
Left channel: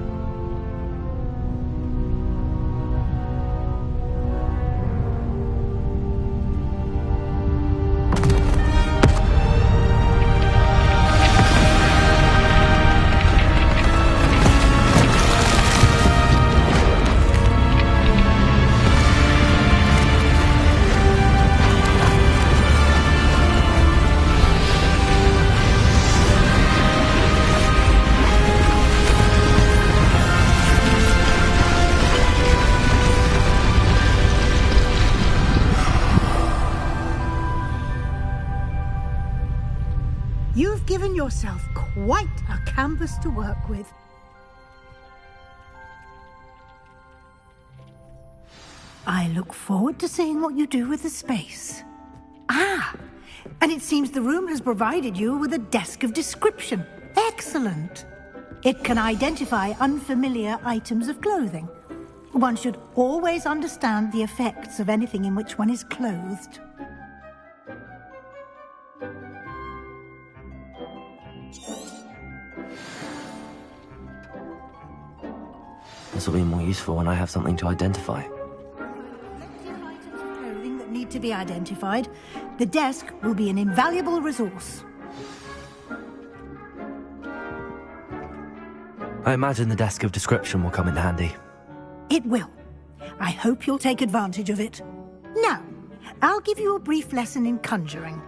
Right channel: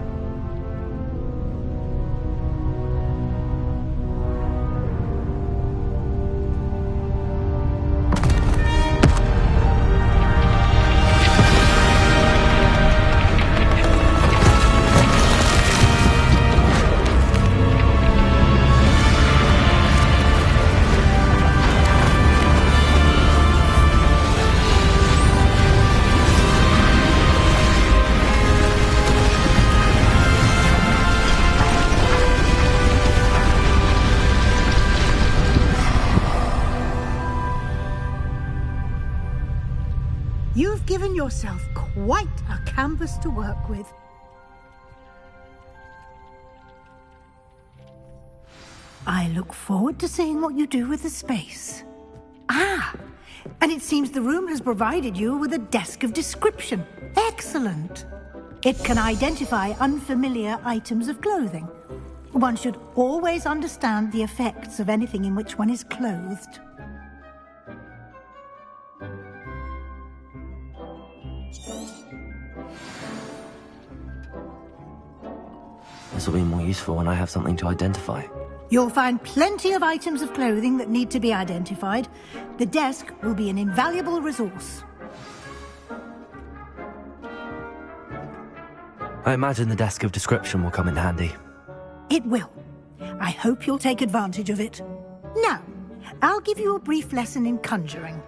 You've given yourself quite a canvas to work with. I look forward to seeing what you do with the space. Ah, and it seems the room has provided you with a desk of description. Excellent. It can identify unfamiliar items of clothing. One should always understand the effects of anything in which one is clothed. This will be more useful when I have something to identify. You'll find plenty of items of clothing that need to be identified. The desk will be an invaluable resource. I imagine the desk of description will come in handy. It will. I hope you'll take advantage of it. Now, I'll give you a brief lesson in conjuring.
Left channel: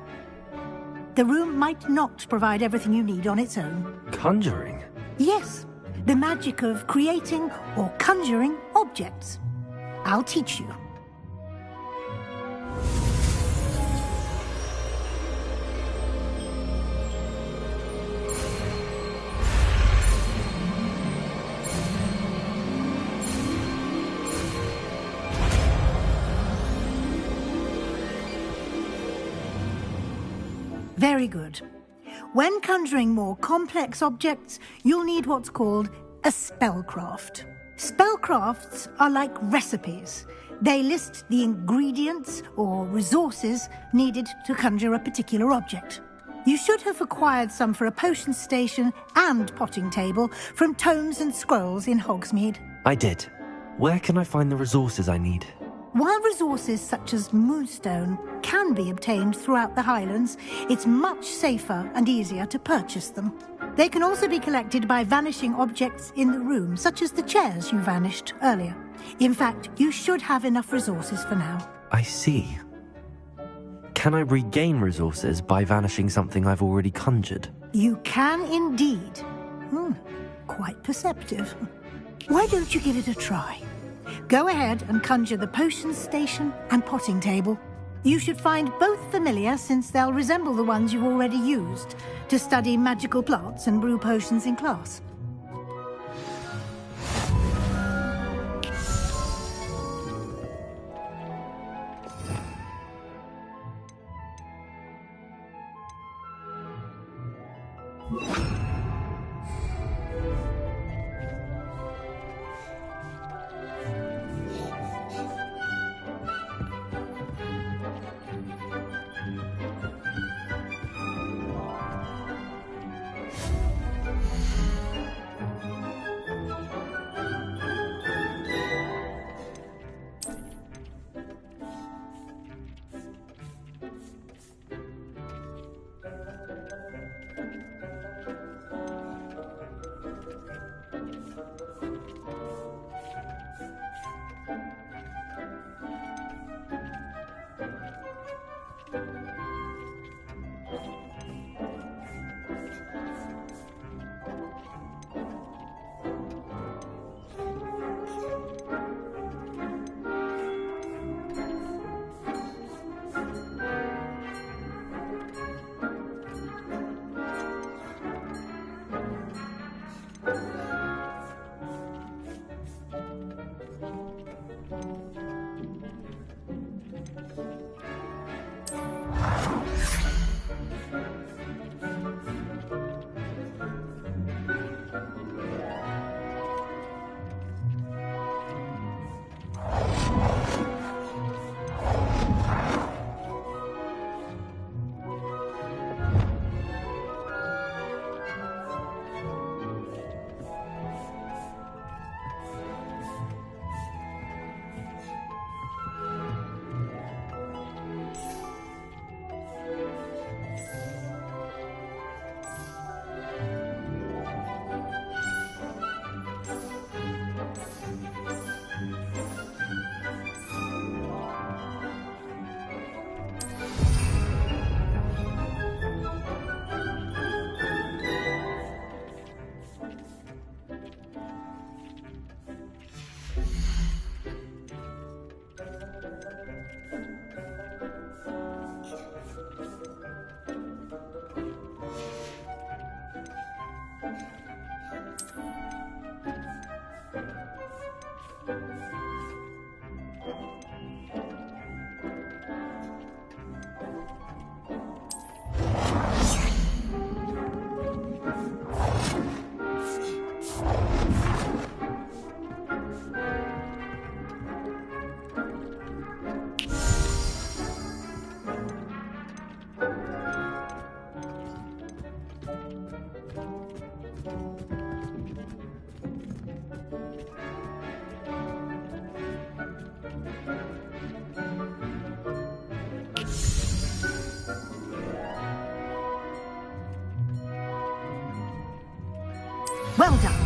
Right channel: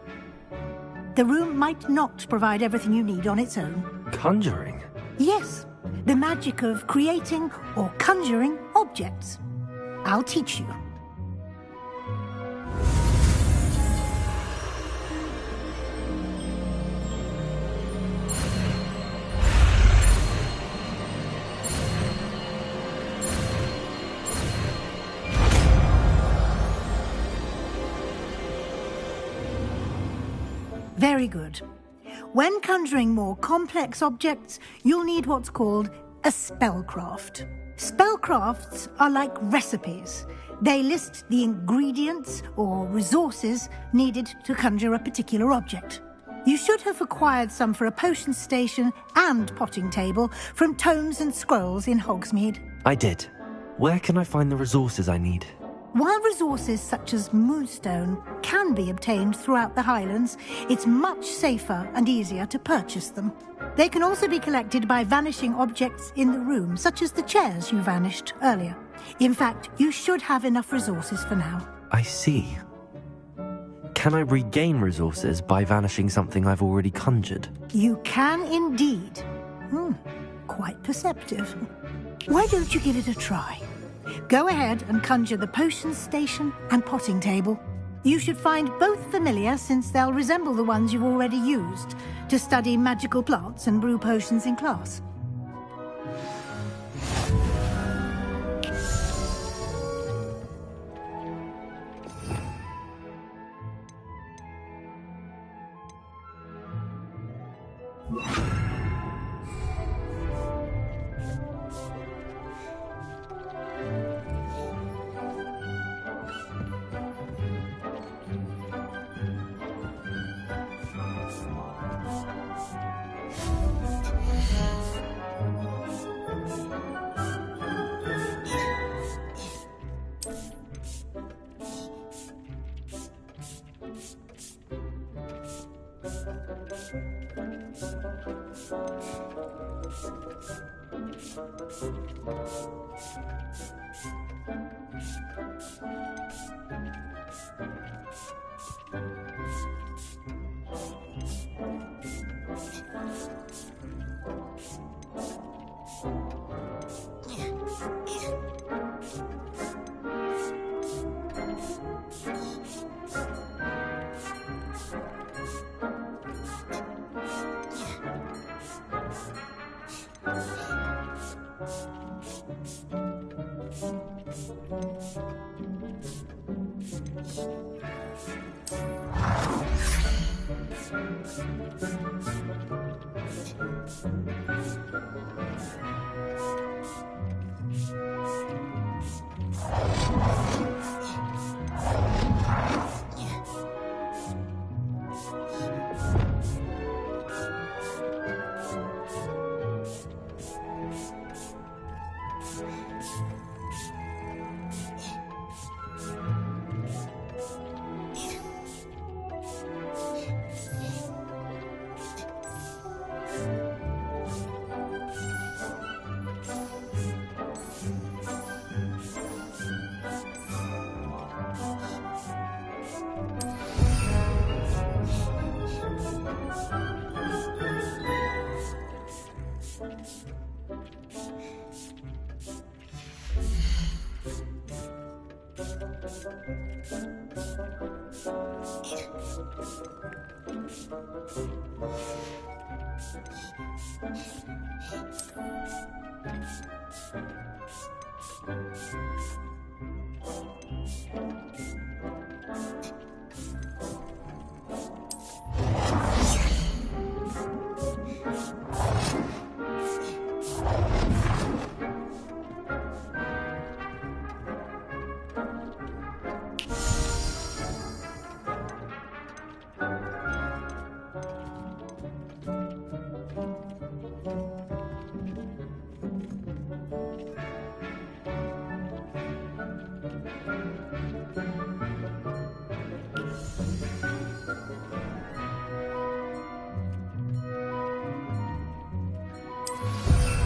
The room might not provide everything you need on its own. Conjuring? Yes, the magic of creating or conjuring objects. I'll teach you. Very good. When conjuring more complex objects, you'll need what's called a spellcraft. Spellcrafts are like recipes. They list the ingredients or resources needed to conjure a particular object. You should have acquired some for a potion station and potting table from tomes and scrolls in Hogsmeade. I did. Where can I find the resources I need? While resources such as moonstone can be obtained throughout the Highlands, it's much safer and easier to purchase them. They can also be collected by vanishing objects in the room, such as the chairs you vanished earlier. In fact, you should have enough resources for now. I see. Can I regain resources by vanishing something I've already conjured? You can indeed. Quite perceptive. Why don't you give it a try? Go ahead and conjure the potion station and potting table. You should find both familiar, since they'll resemble the ones you've already used to study magical plants and brew potions in class. Well done.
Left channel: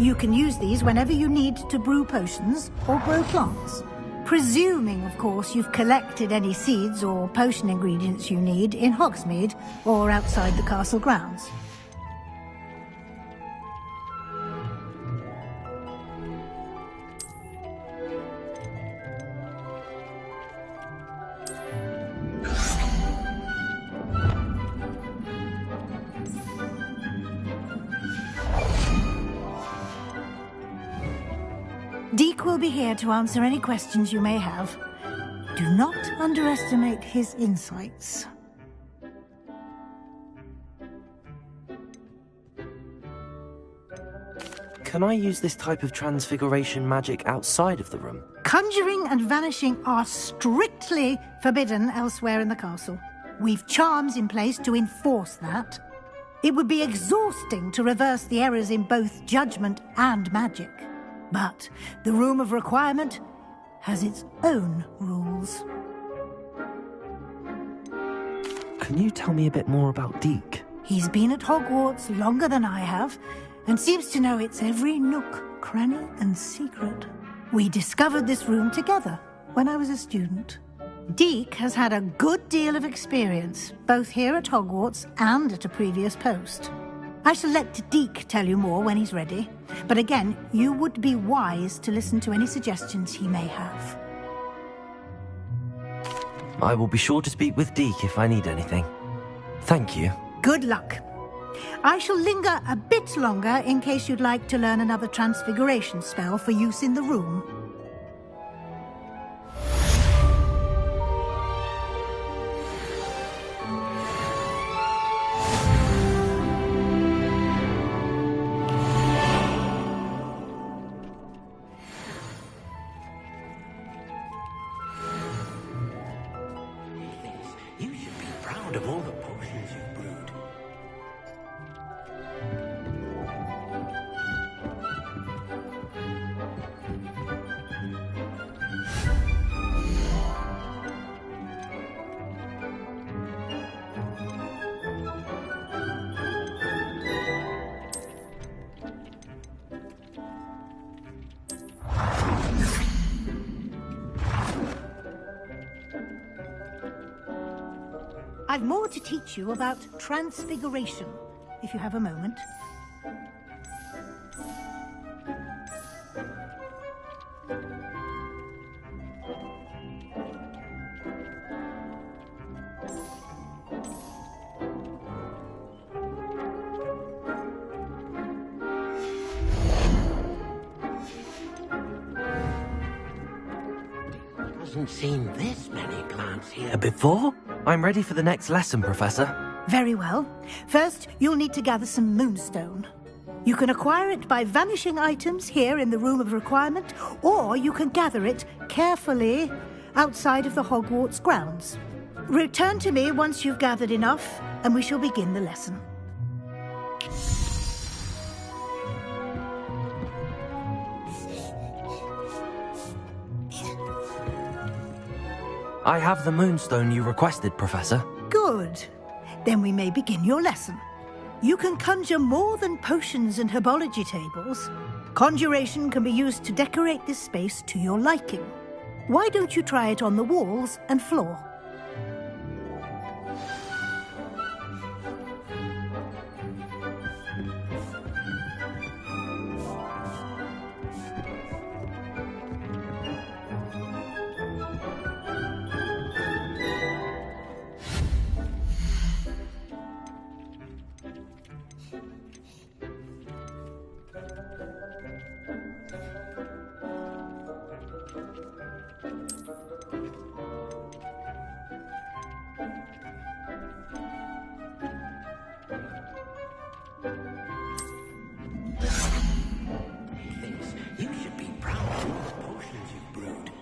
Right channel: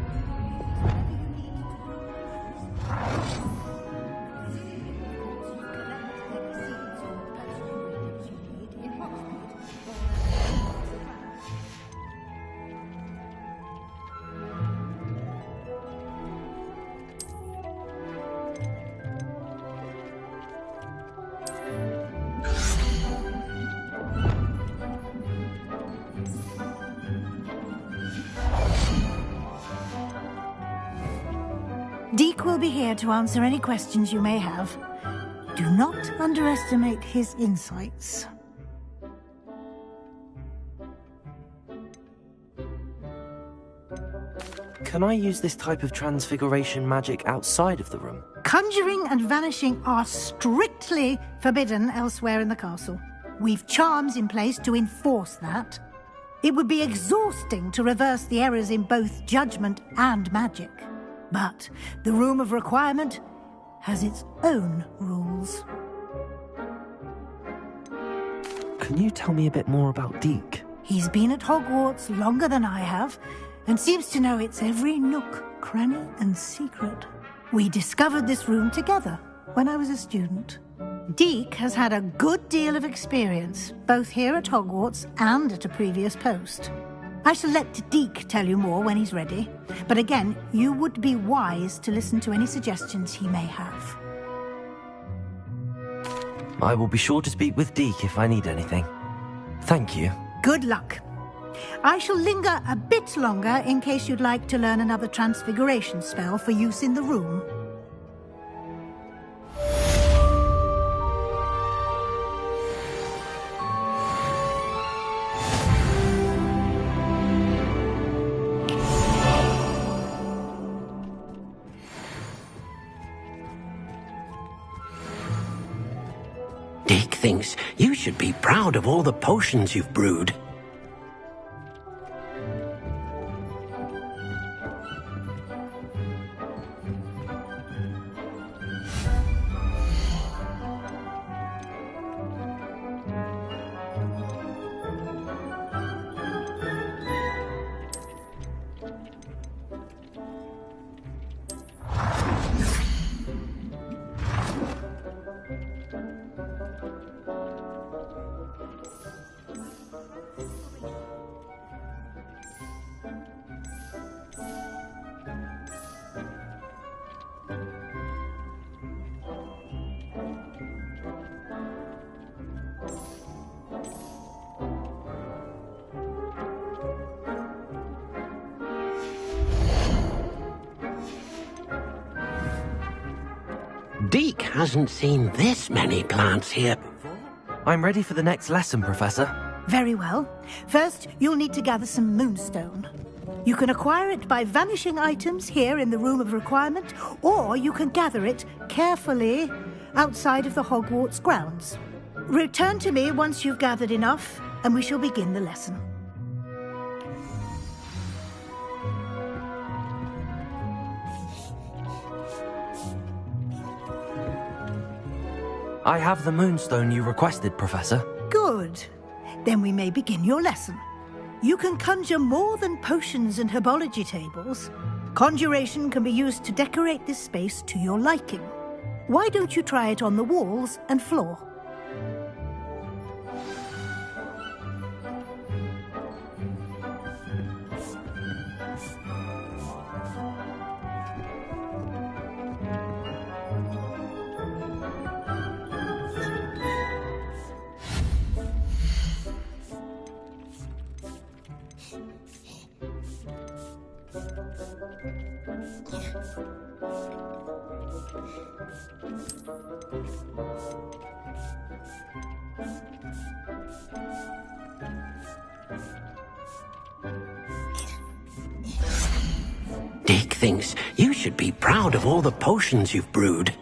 You can use these whenever you need to brew potions or grow plants. Presuming, of course, you've collected any seeds or potion ingredients you need in Hogsmeade or outside the castle grounds. Deke will be here to answer any questions you may have. Do not underestimate his insights. Can I use this type of transfiguration magic outside of the room? Conjuring and vanishing are strictly forbidden elsewhere in the castle. We've charms in place to enforce that. It would be exhausting to reverse the errors in both judgment and magic. But the Room of Requirement has its own rules. Can you tell me a bit more about Deke? He's been at Hogwarts longer than I have, and seems to know its every nook, cranny, and secret. We discovered this room together when I was a student. Deke has had a good deal of experience, both here at Hogwarts and at a previous post. I shall let Deke tell you more when he's ready, but again, you would be wise to listen to any suggestions he may have. I will be sure to speak with Deke if I need anything. Thank you. Good luck. I shall linger a bit longer in case you'd like to learn another transfiguration spell for use in the room. Deke thinks you should be proud of all the potions you've brewed. I've more to teach you about transfiguration, if you have a moment. Deke hasn't seen this many plants here before. I'm ready for the next lesson, Professor. Very well. First, you'll need to gather some moonstone. You can acquire it by vanishing items here in the Room of Requirement, or you can gather it carefully outside of the Hogwarts grounds. Return to me once you've gathered enough, and we shall begin the lesson. I have the moonstone you requested, Professor. Good. Then we may begin your lesson. You can conjure more than potions and herbology tables. Conjuration can be used to decorate this space to your liking. Why don't you try it on the walls and floor? Deke thinks you should be proud of all the potions you've brewed.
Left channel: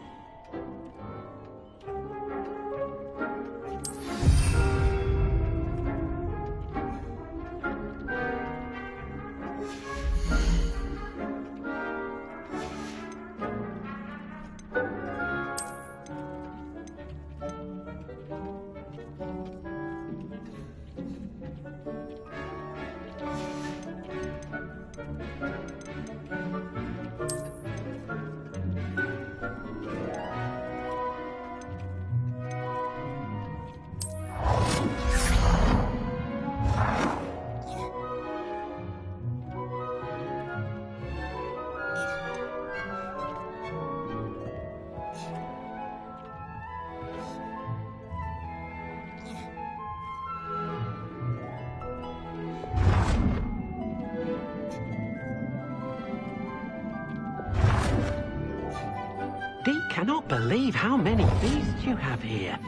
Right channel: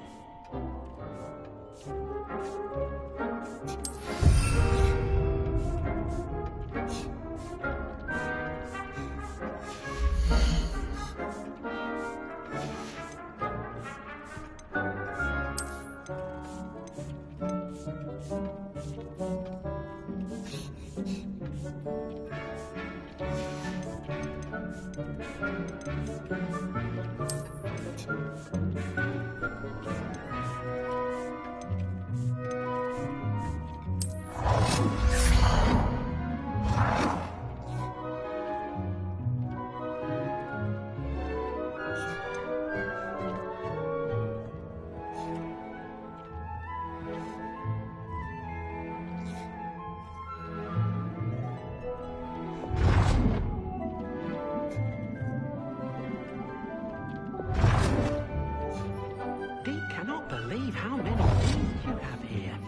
Deke cannot believe how many beasts you have here.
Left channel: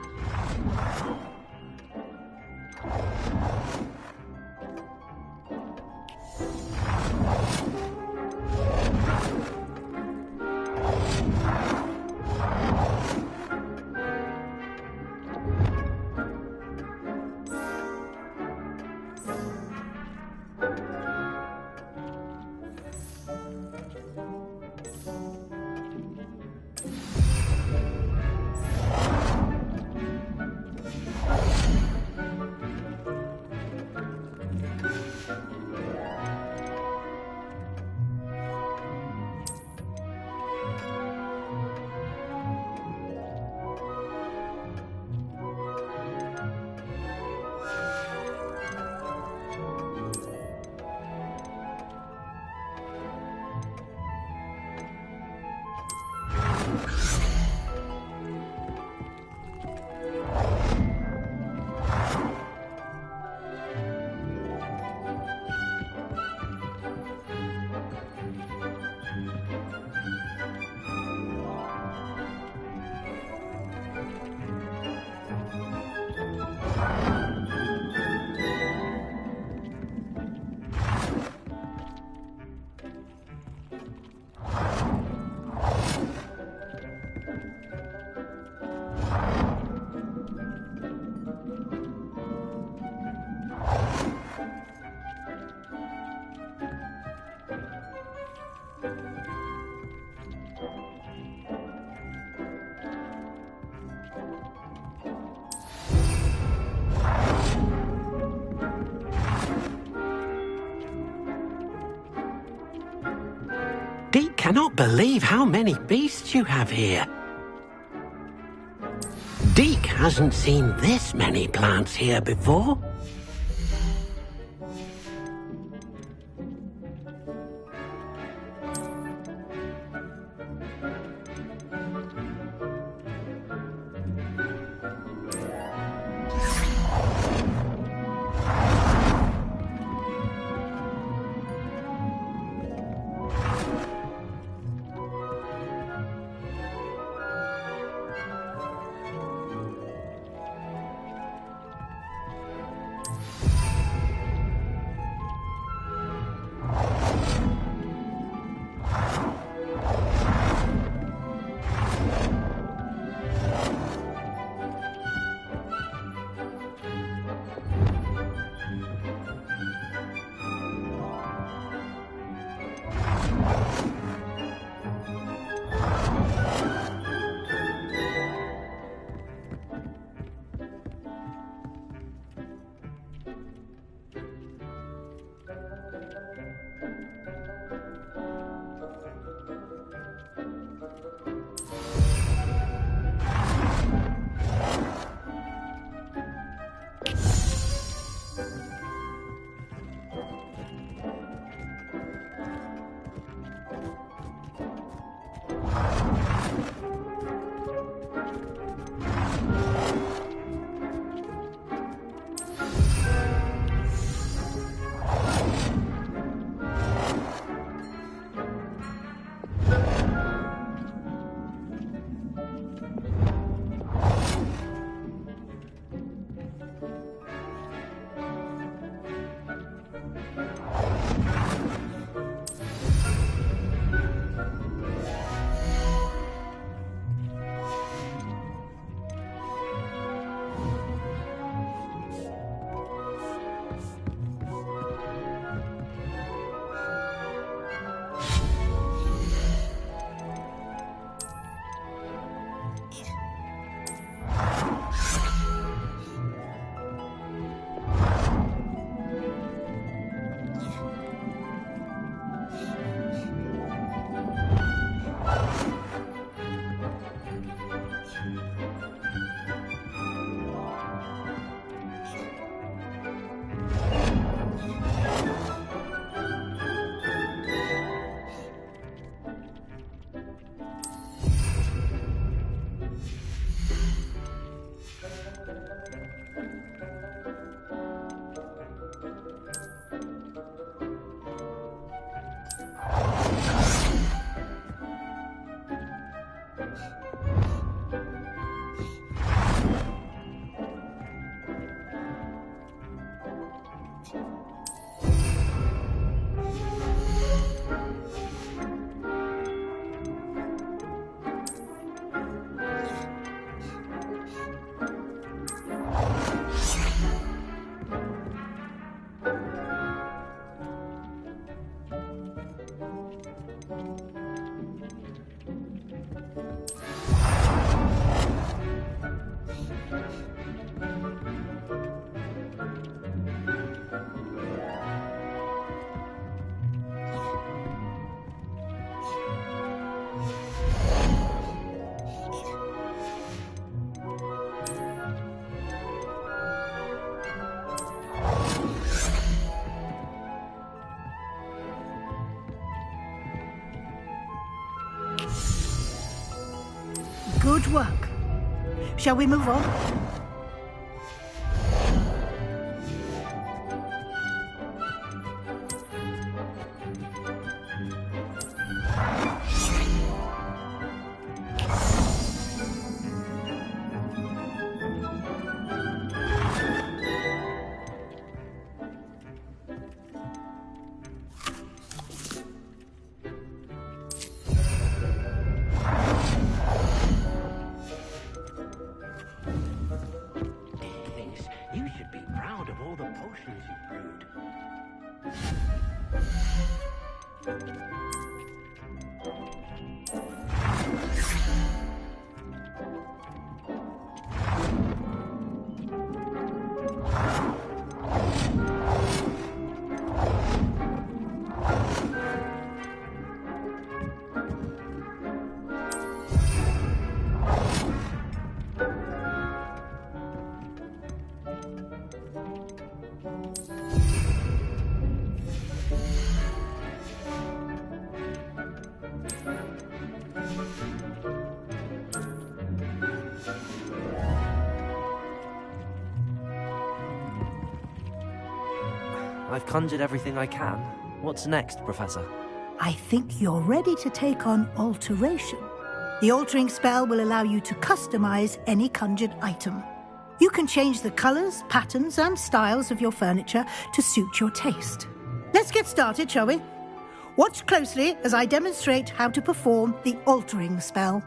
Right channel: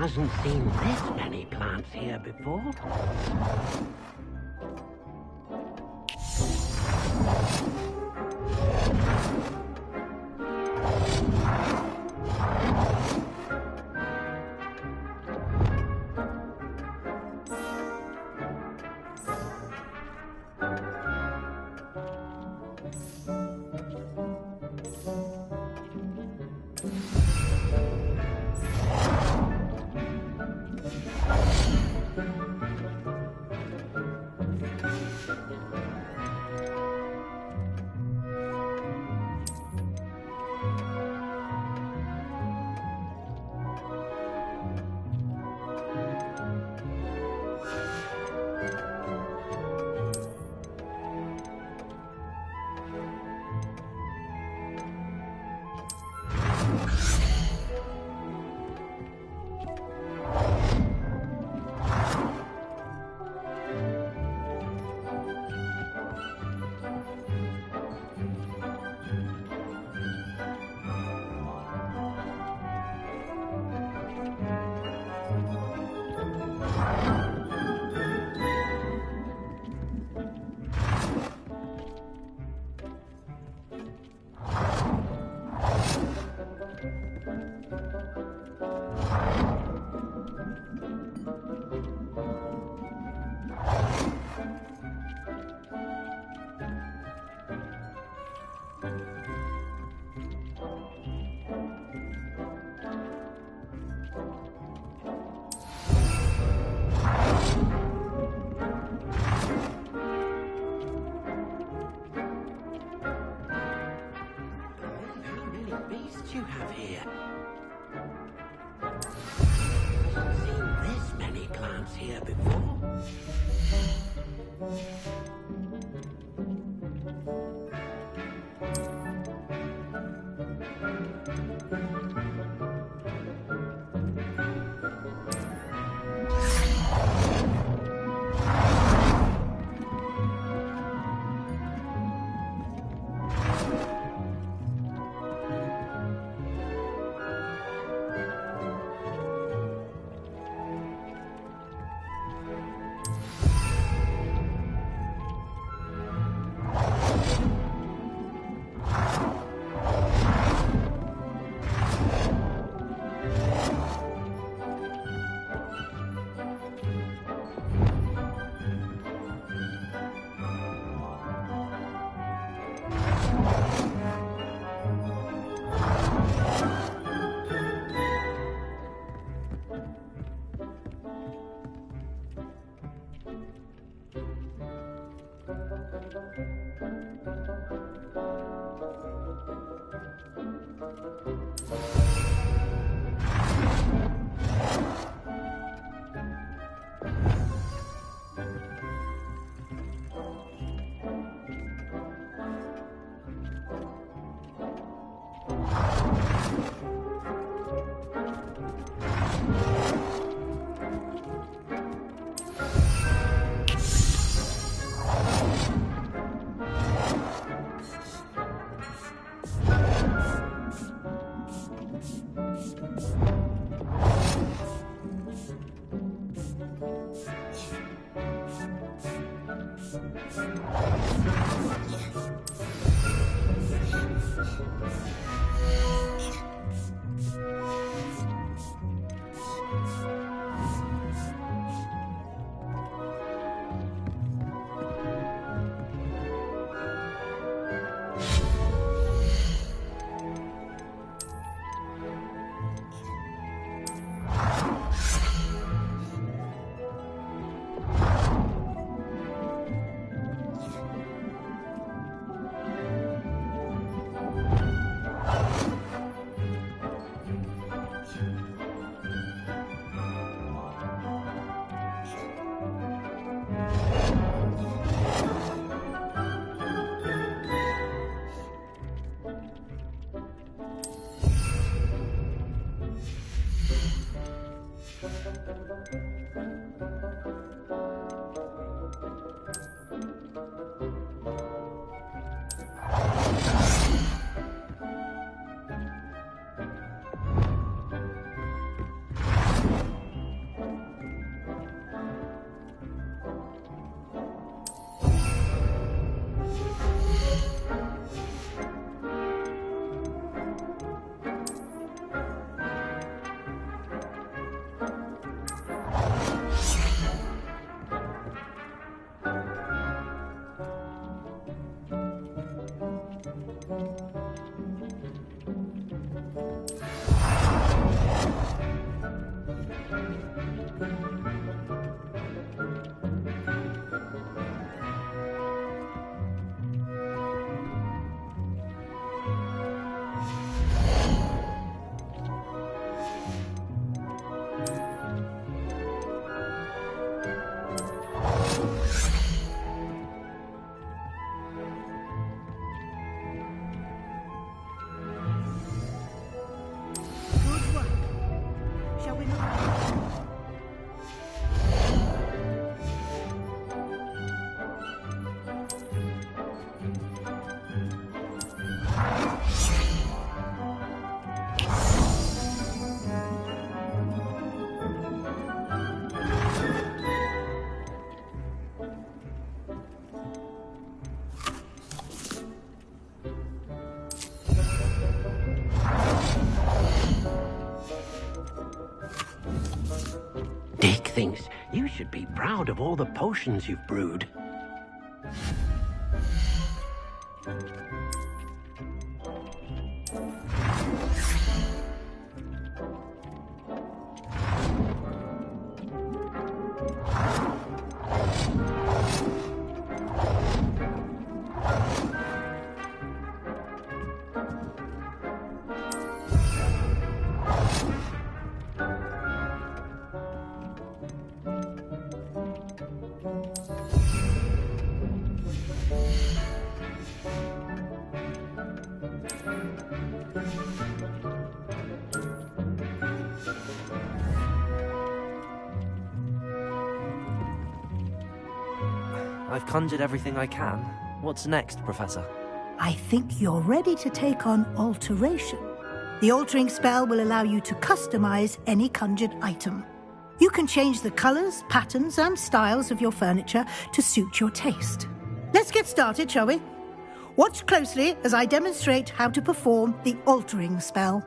Hasn't seen this many plants here before. Deke cannot believe how many beasts you have here. Deke hasn't seen this many plants here before. Good work. Shall we move on? Dick thinks you should be proud of all the potions you've brewed. I've conjured everything I can. What's next, Professor? I think you're ready to take on alteration. The altering spell will allow you to customize any conjured item. You can change the colors, patterns, and styles of your furniture to suit your taste. Let's get started, shall we? Watch closely as I demonstrate how to perform the altering spell.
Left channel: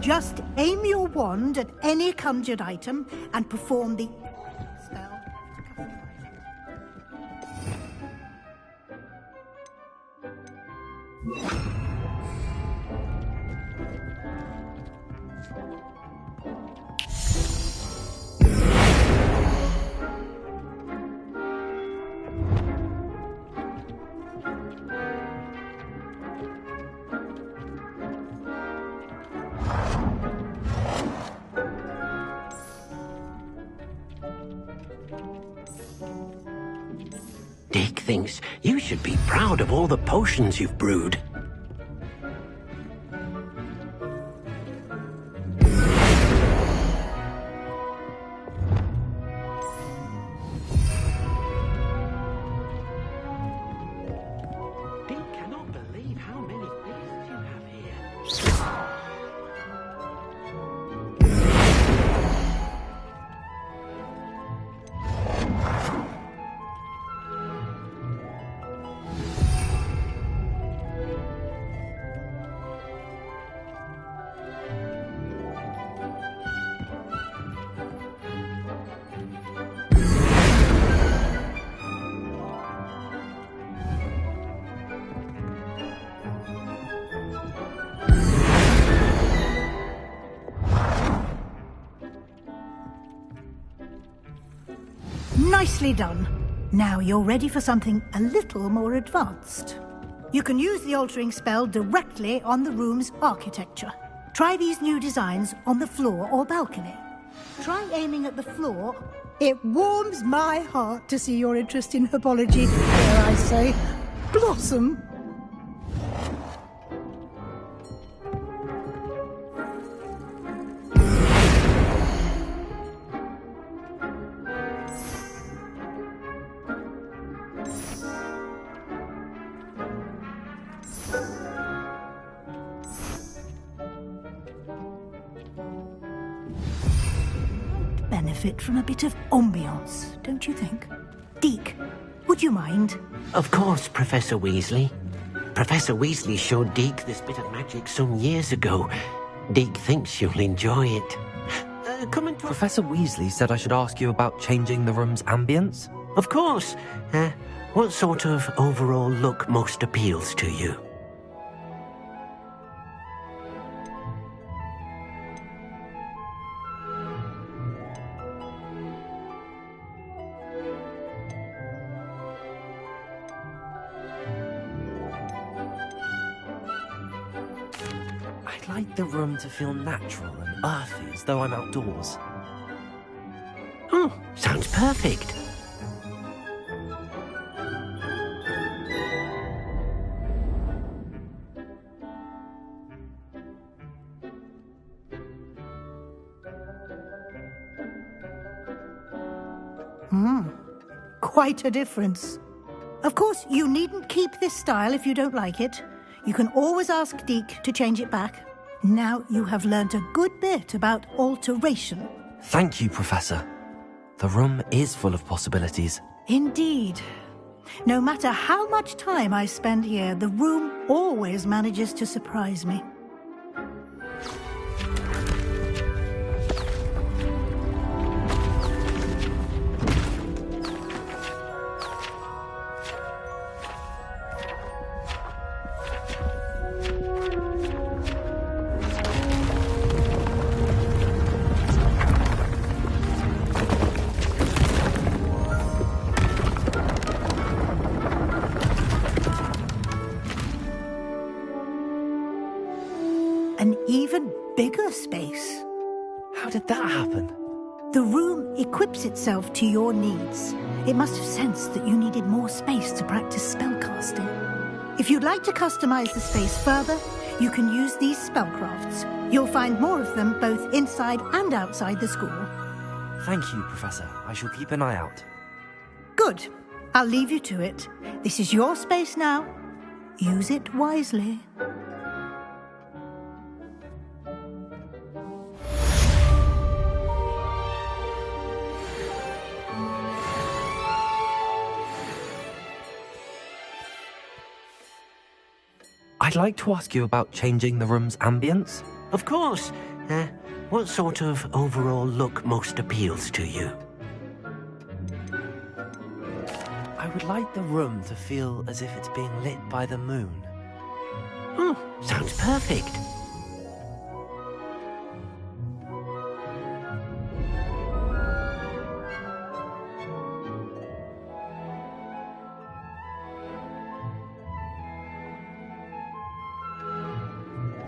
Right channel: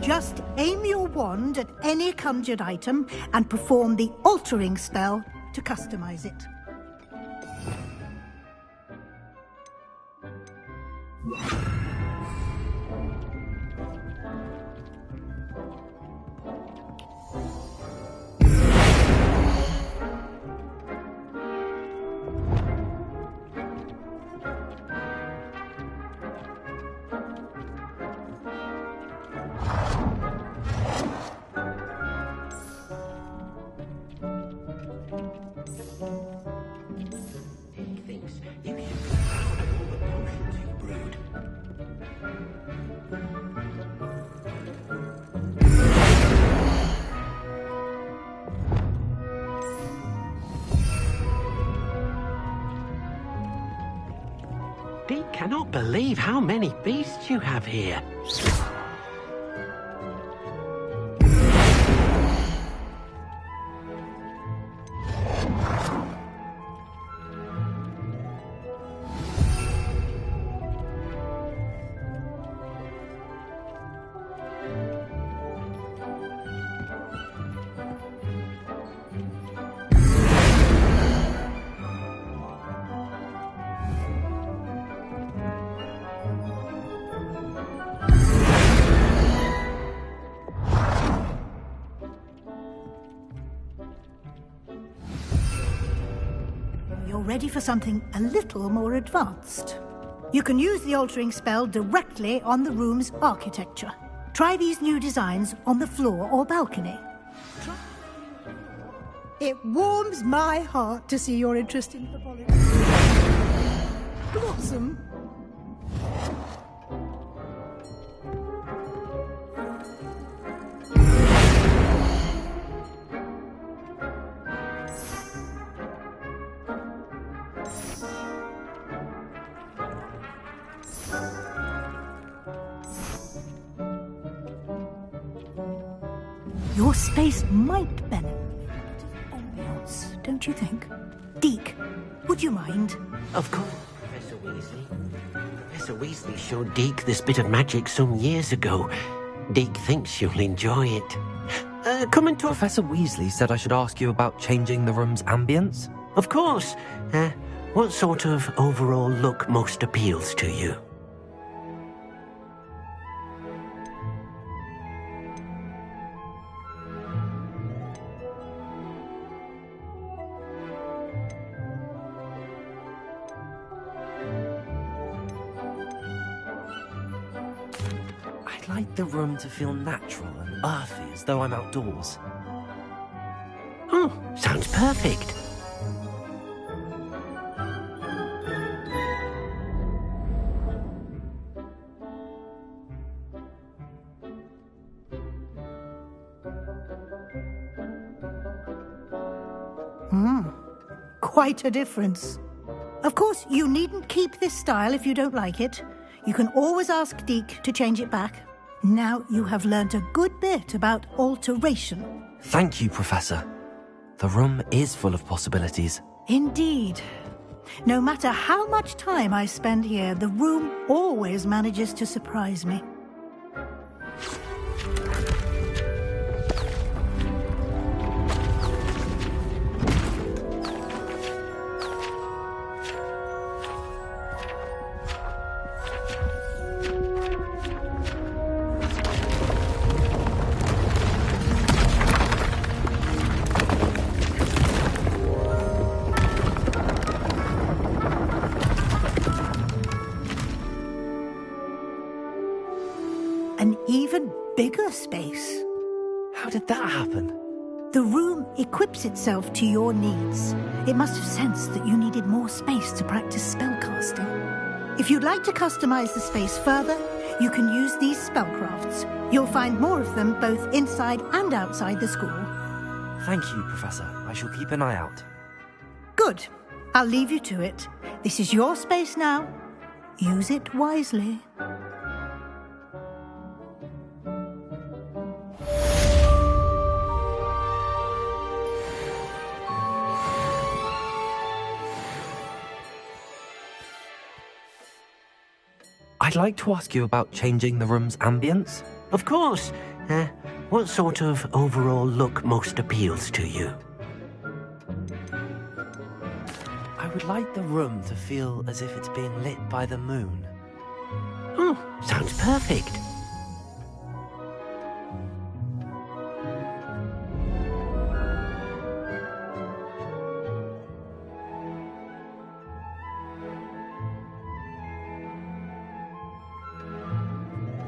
Just aim your wand at any conjured item and perform the altering spell to customize it. Dick thinks you should be proud of all the potions you've brewed. Dick cannot believe how many beasts you have here. Nicely done. Now you're ready for something a little more advanced. You can use the altering spell directly on the room's architecture. Try these new designs on the floor or balcony. Try aiming at the floor It warms my heart to see your interest in herbology, dare I say, blossom. Your space might benefit from a bit of ambiance, don't you think? Deke, would you mind? Of course, Professor Weasley. Professor Weasley showed Deke this bit of magic some years ago. Deke thinks you'll enjoy it. Come and talk. Professor Weasley said I should ask you about changing the room's ambience? Of course. What sort of overall look most appeals to you? I'd like the room to feel natural and earthy, as though I'm outdoors. Oh, sounds perfect. Quite a difference. Of course, you needn't keep this style if you don't like it. You can always ask Deke to change it back. Now you have learnt a good bit about alteration. Thank you, Professor. The room is full of possibilities. Indeed. No matter how much time I spend here, the room always manages to surprise me. An even bigger space. How did that happen? The room equips itself to your needs. It must have sensed that you needed more space to practice spellcasting. If you'd like to customize the space further, you can use these spellcrafts. You'll find more of them both inside and outside the school. Thank you, Professor. I shall keep an eye out. Good. I'll leave you to it. This is your space now. Use it wisely. I'd like to ask you about changing the room's ambience. Of course. What sort of overall look most appeals to you? I would like the room to feel as if it's being lit by the moon. Oh, sounds perfect.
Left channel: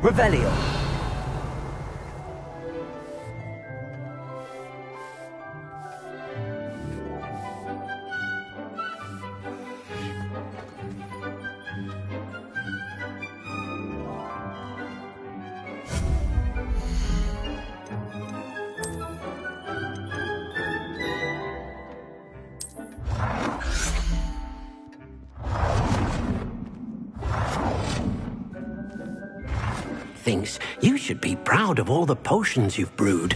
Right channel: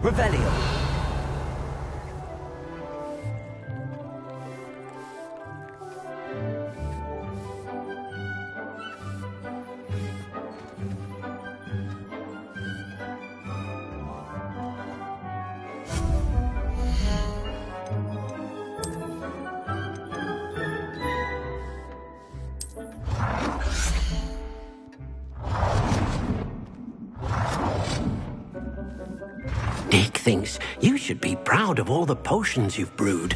Revelio. Deke thinks you should be proud of all the potions you've brewed.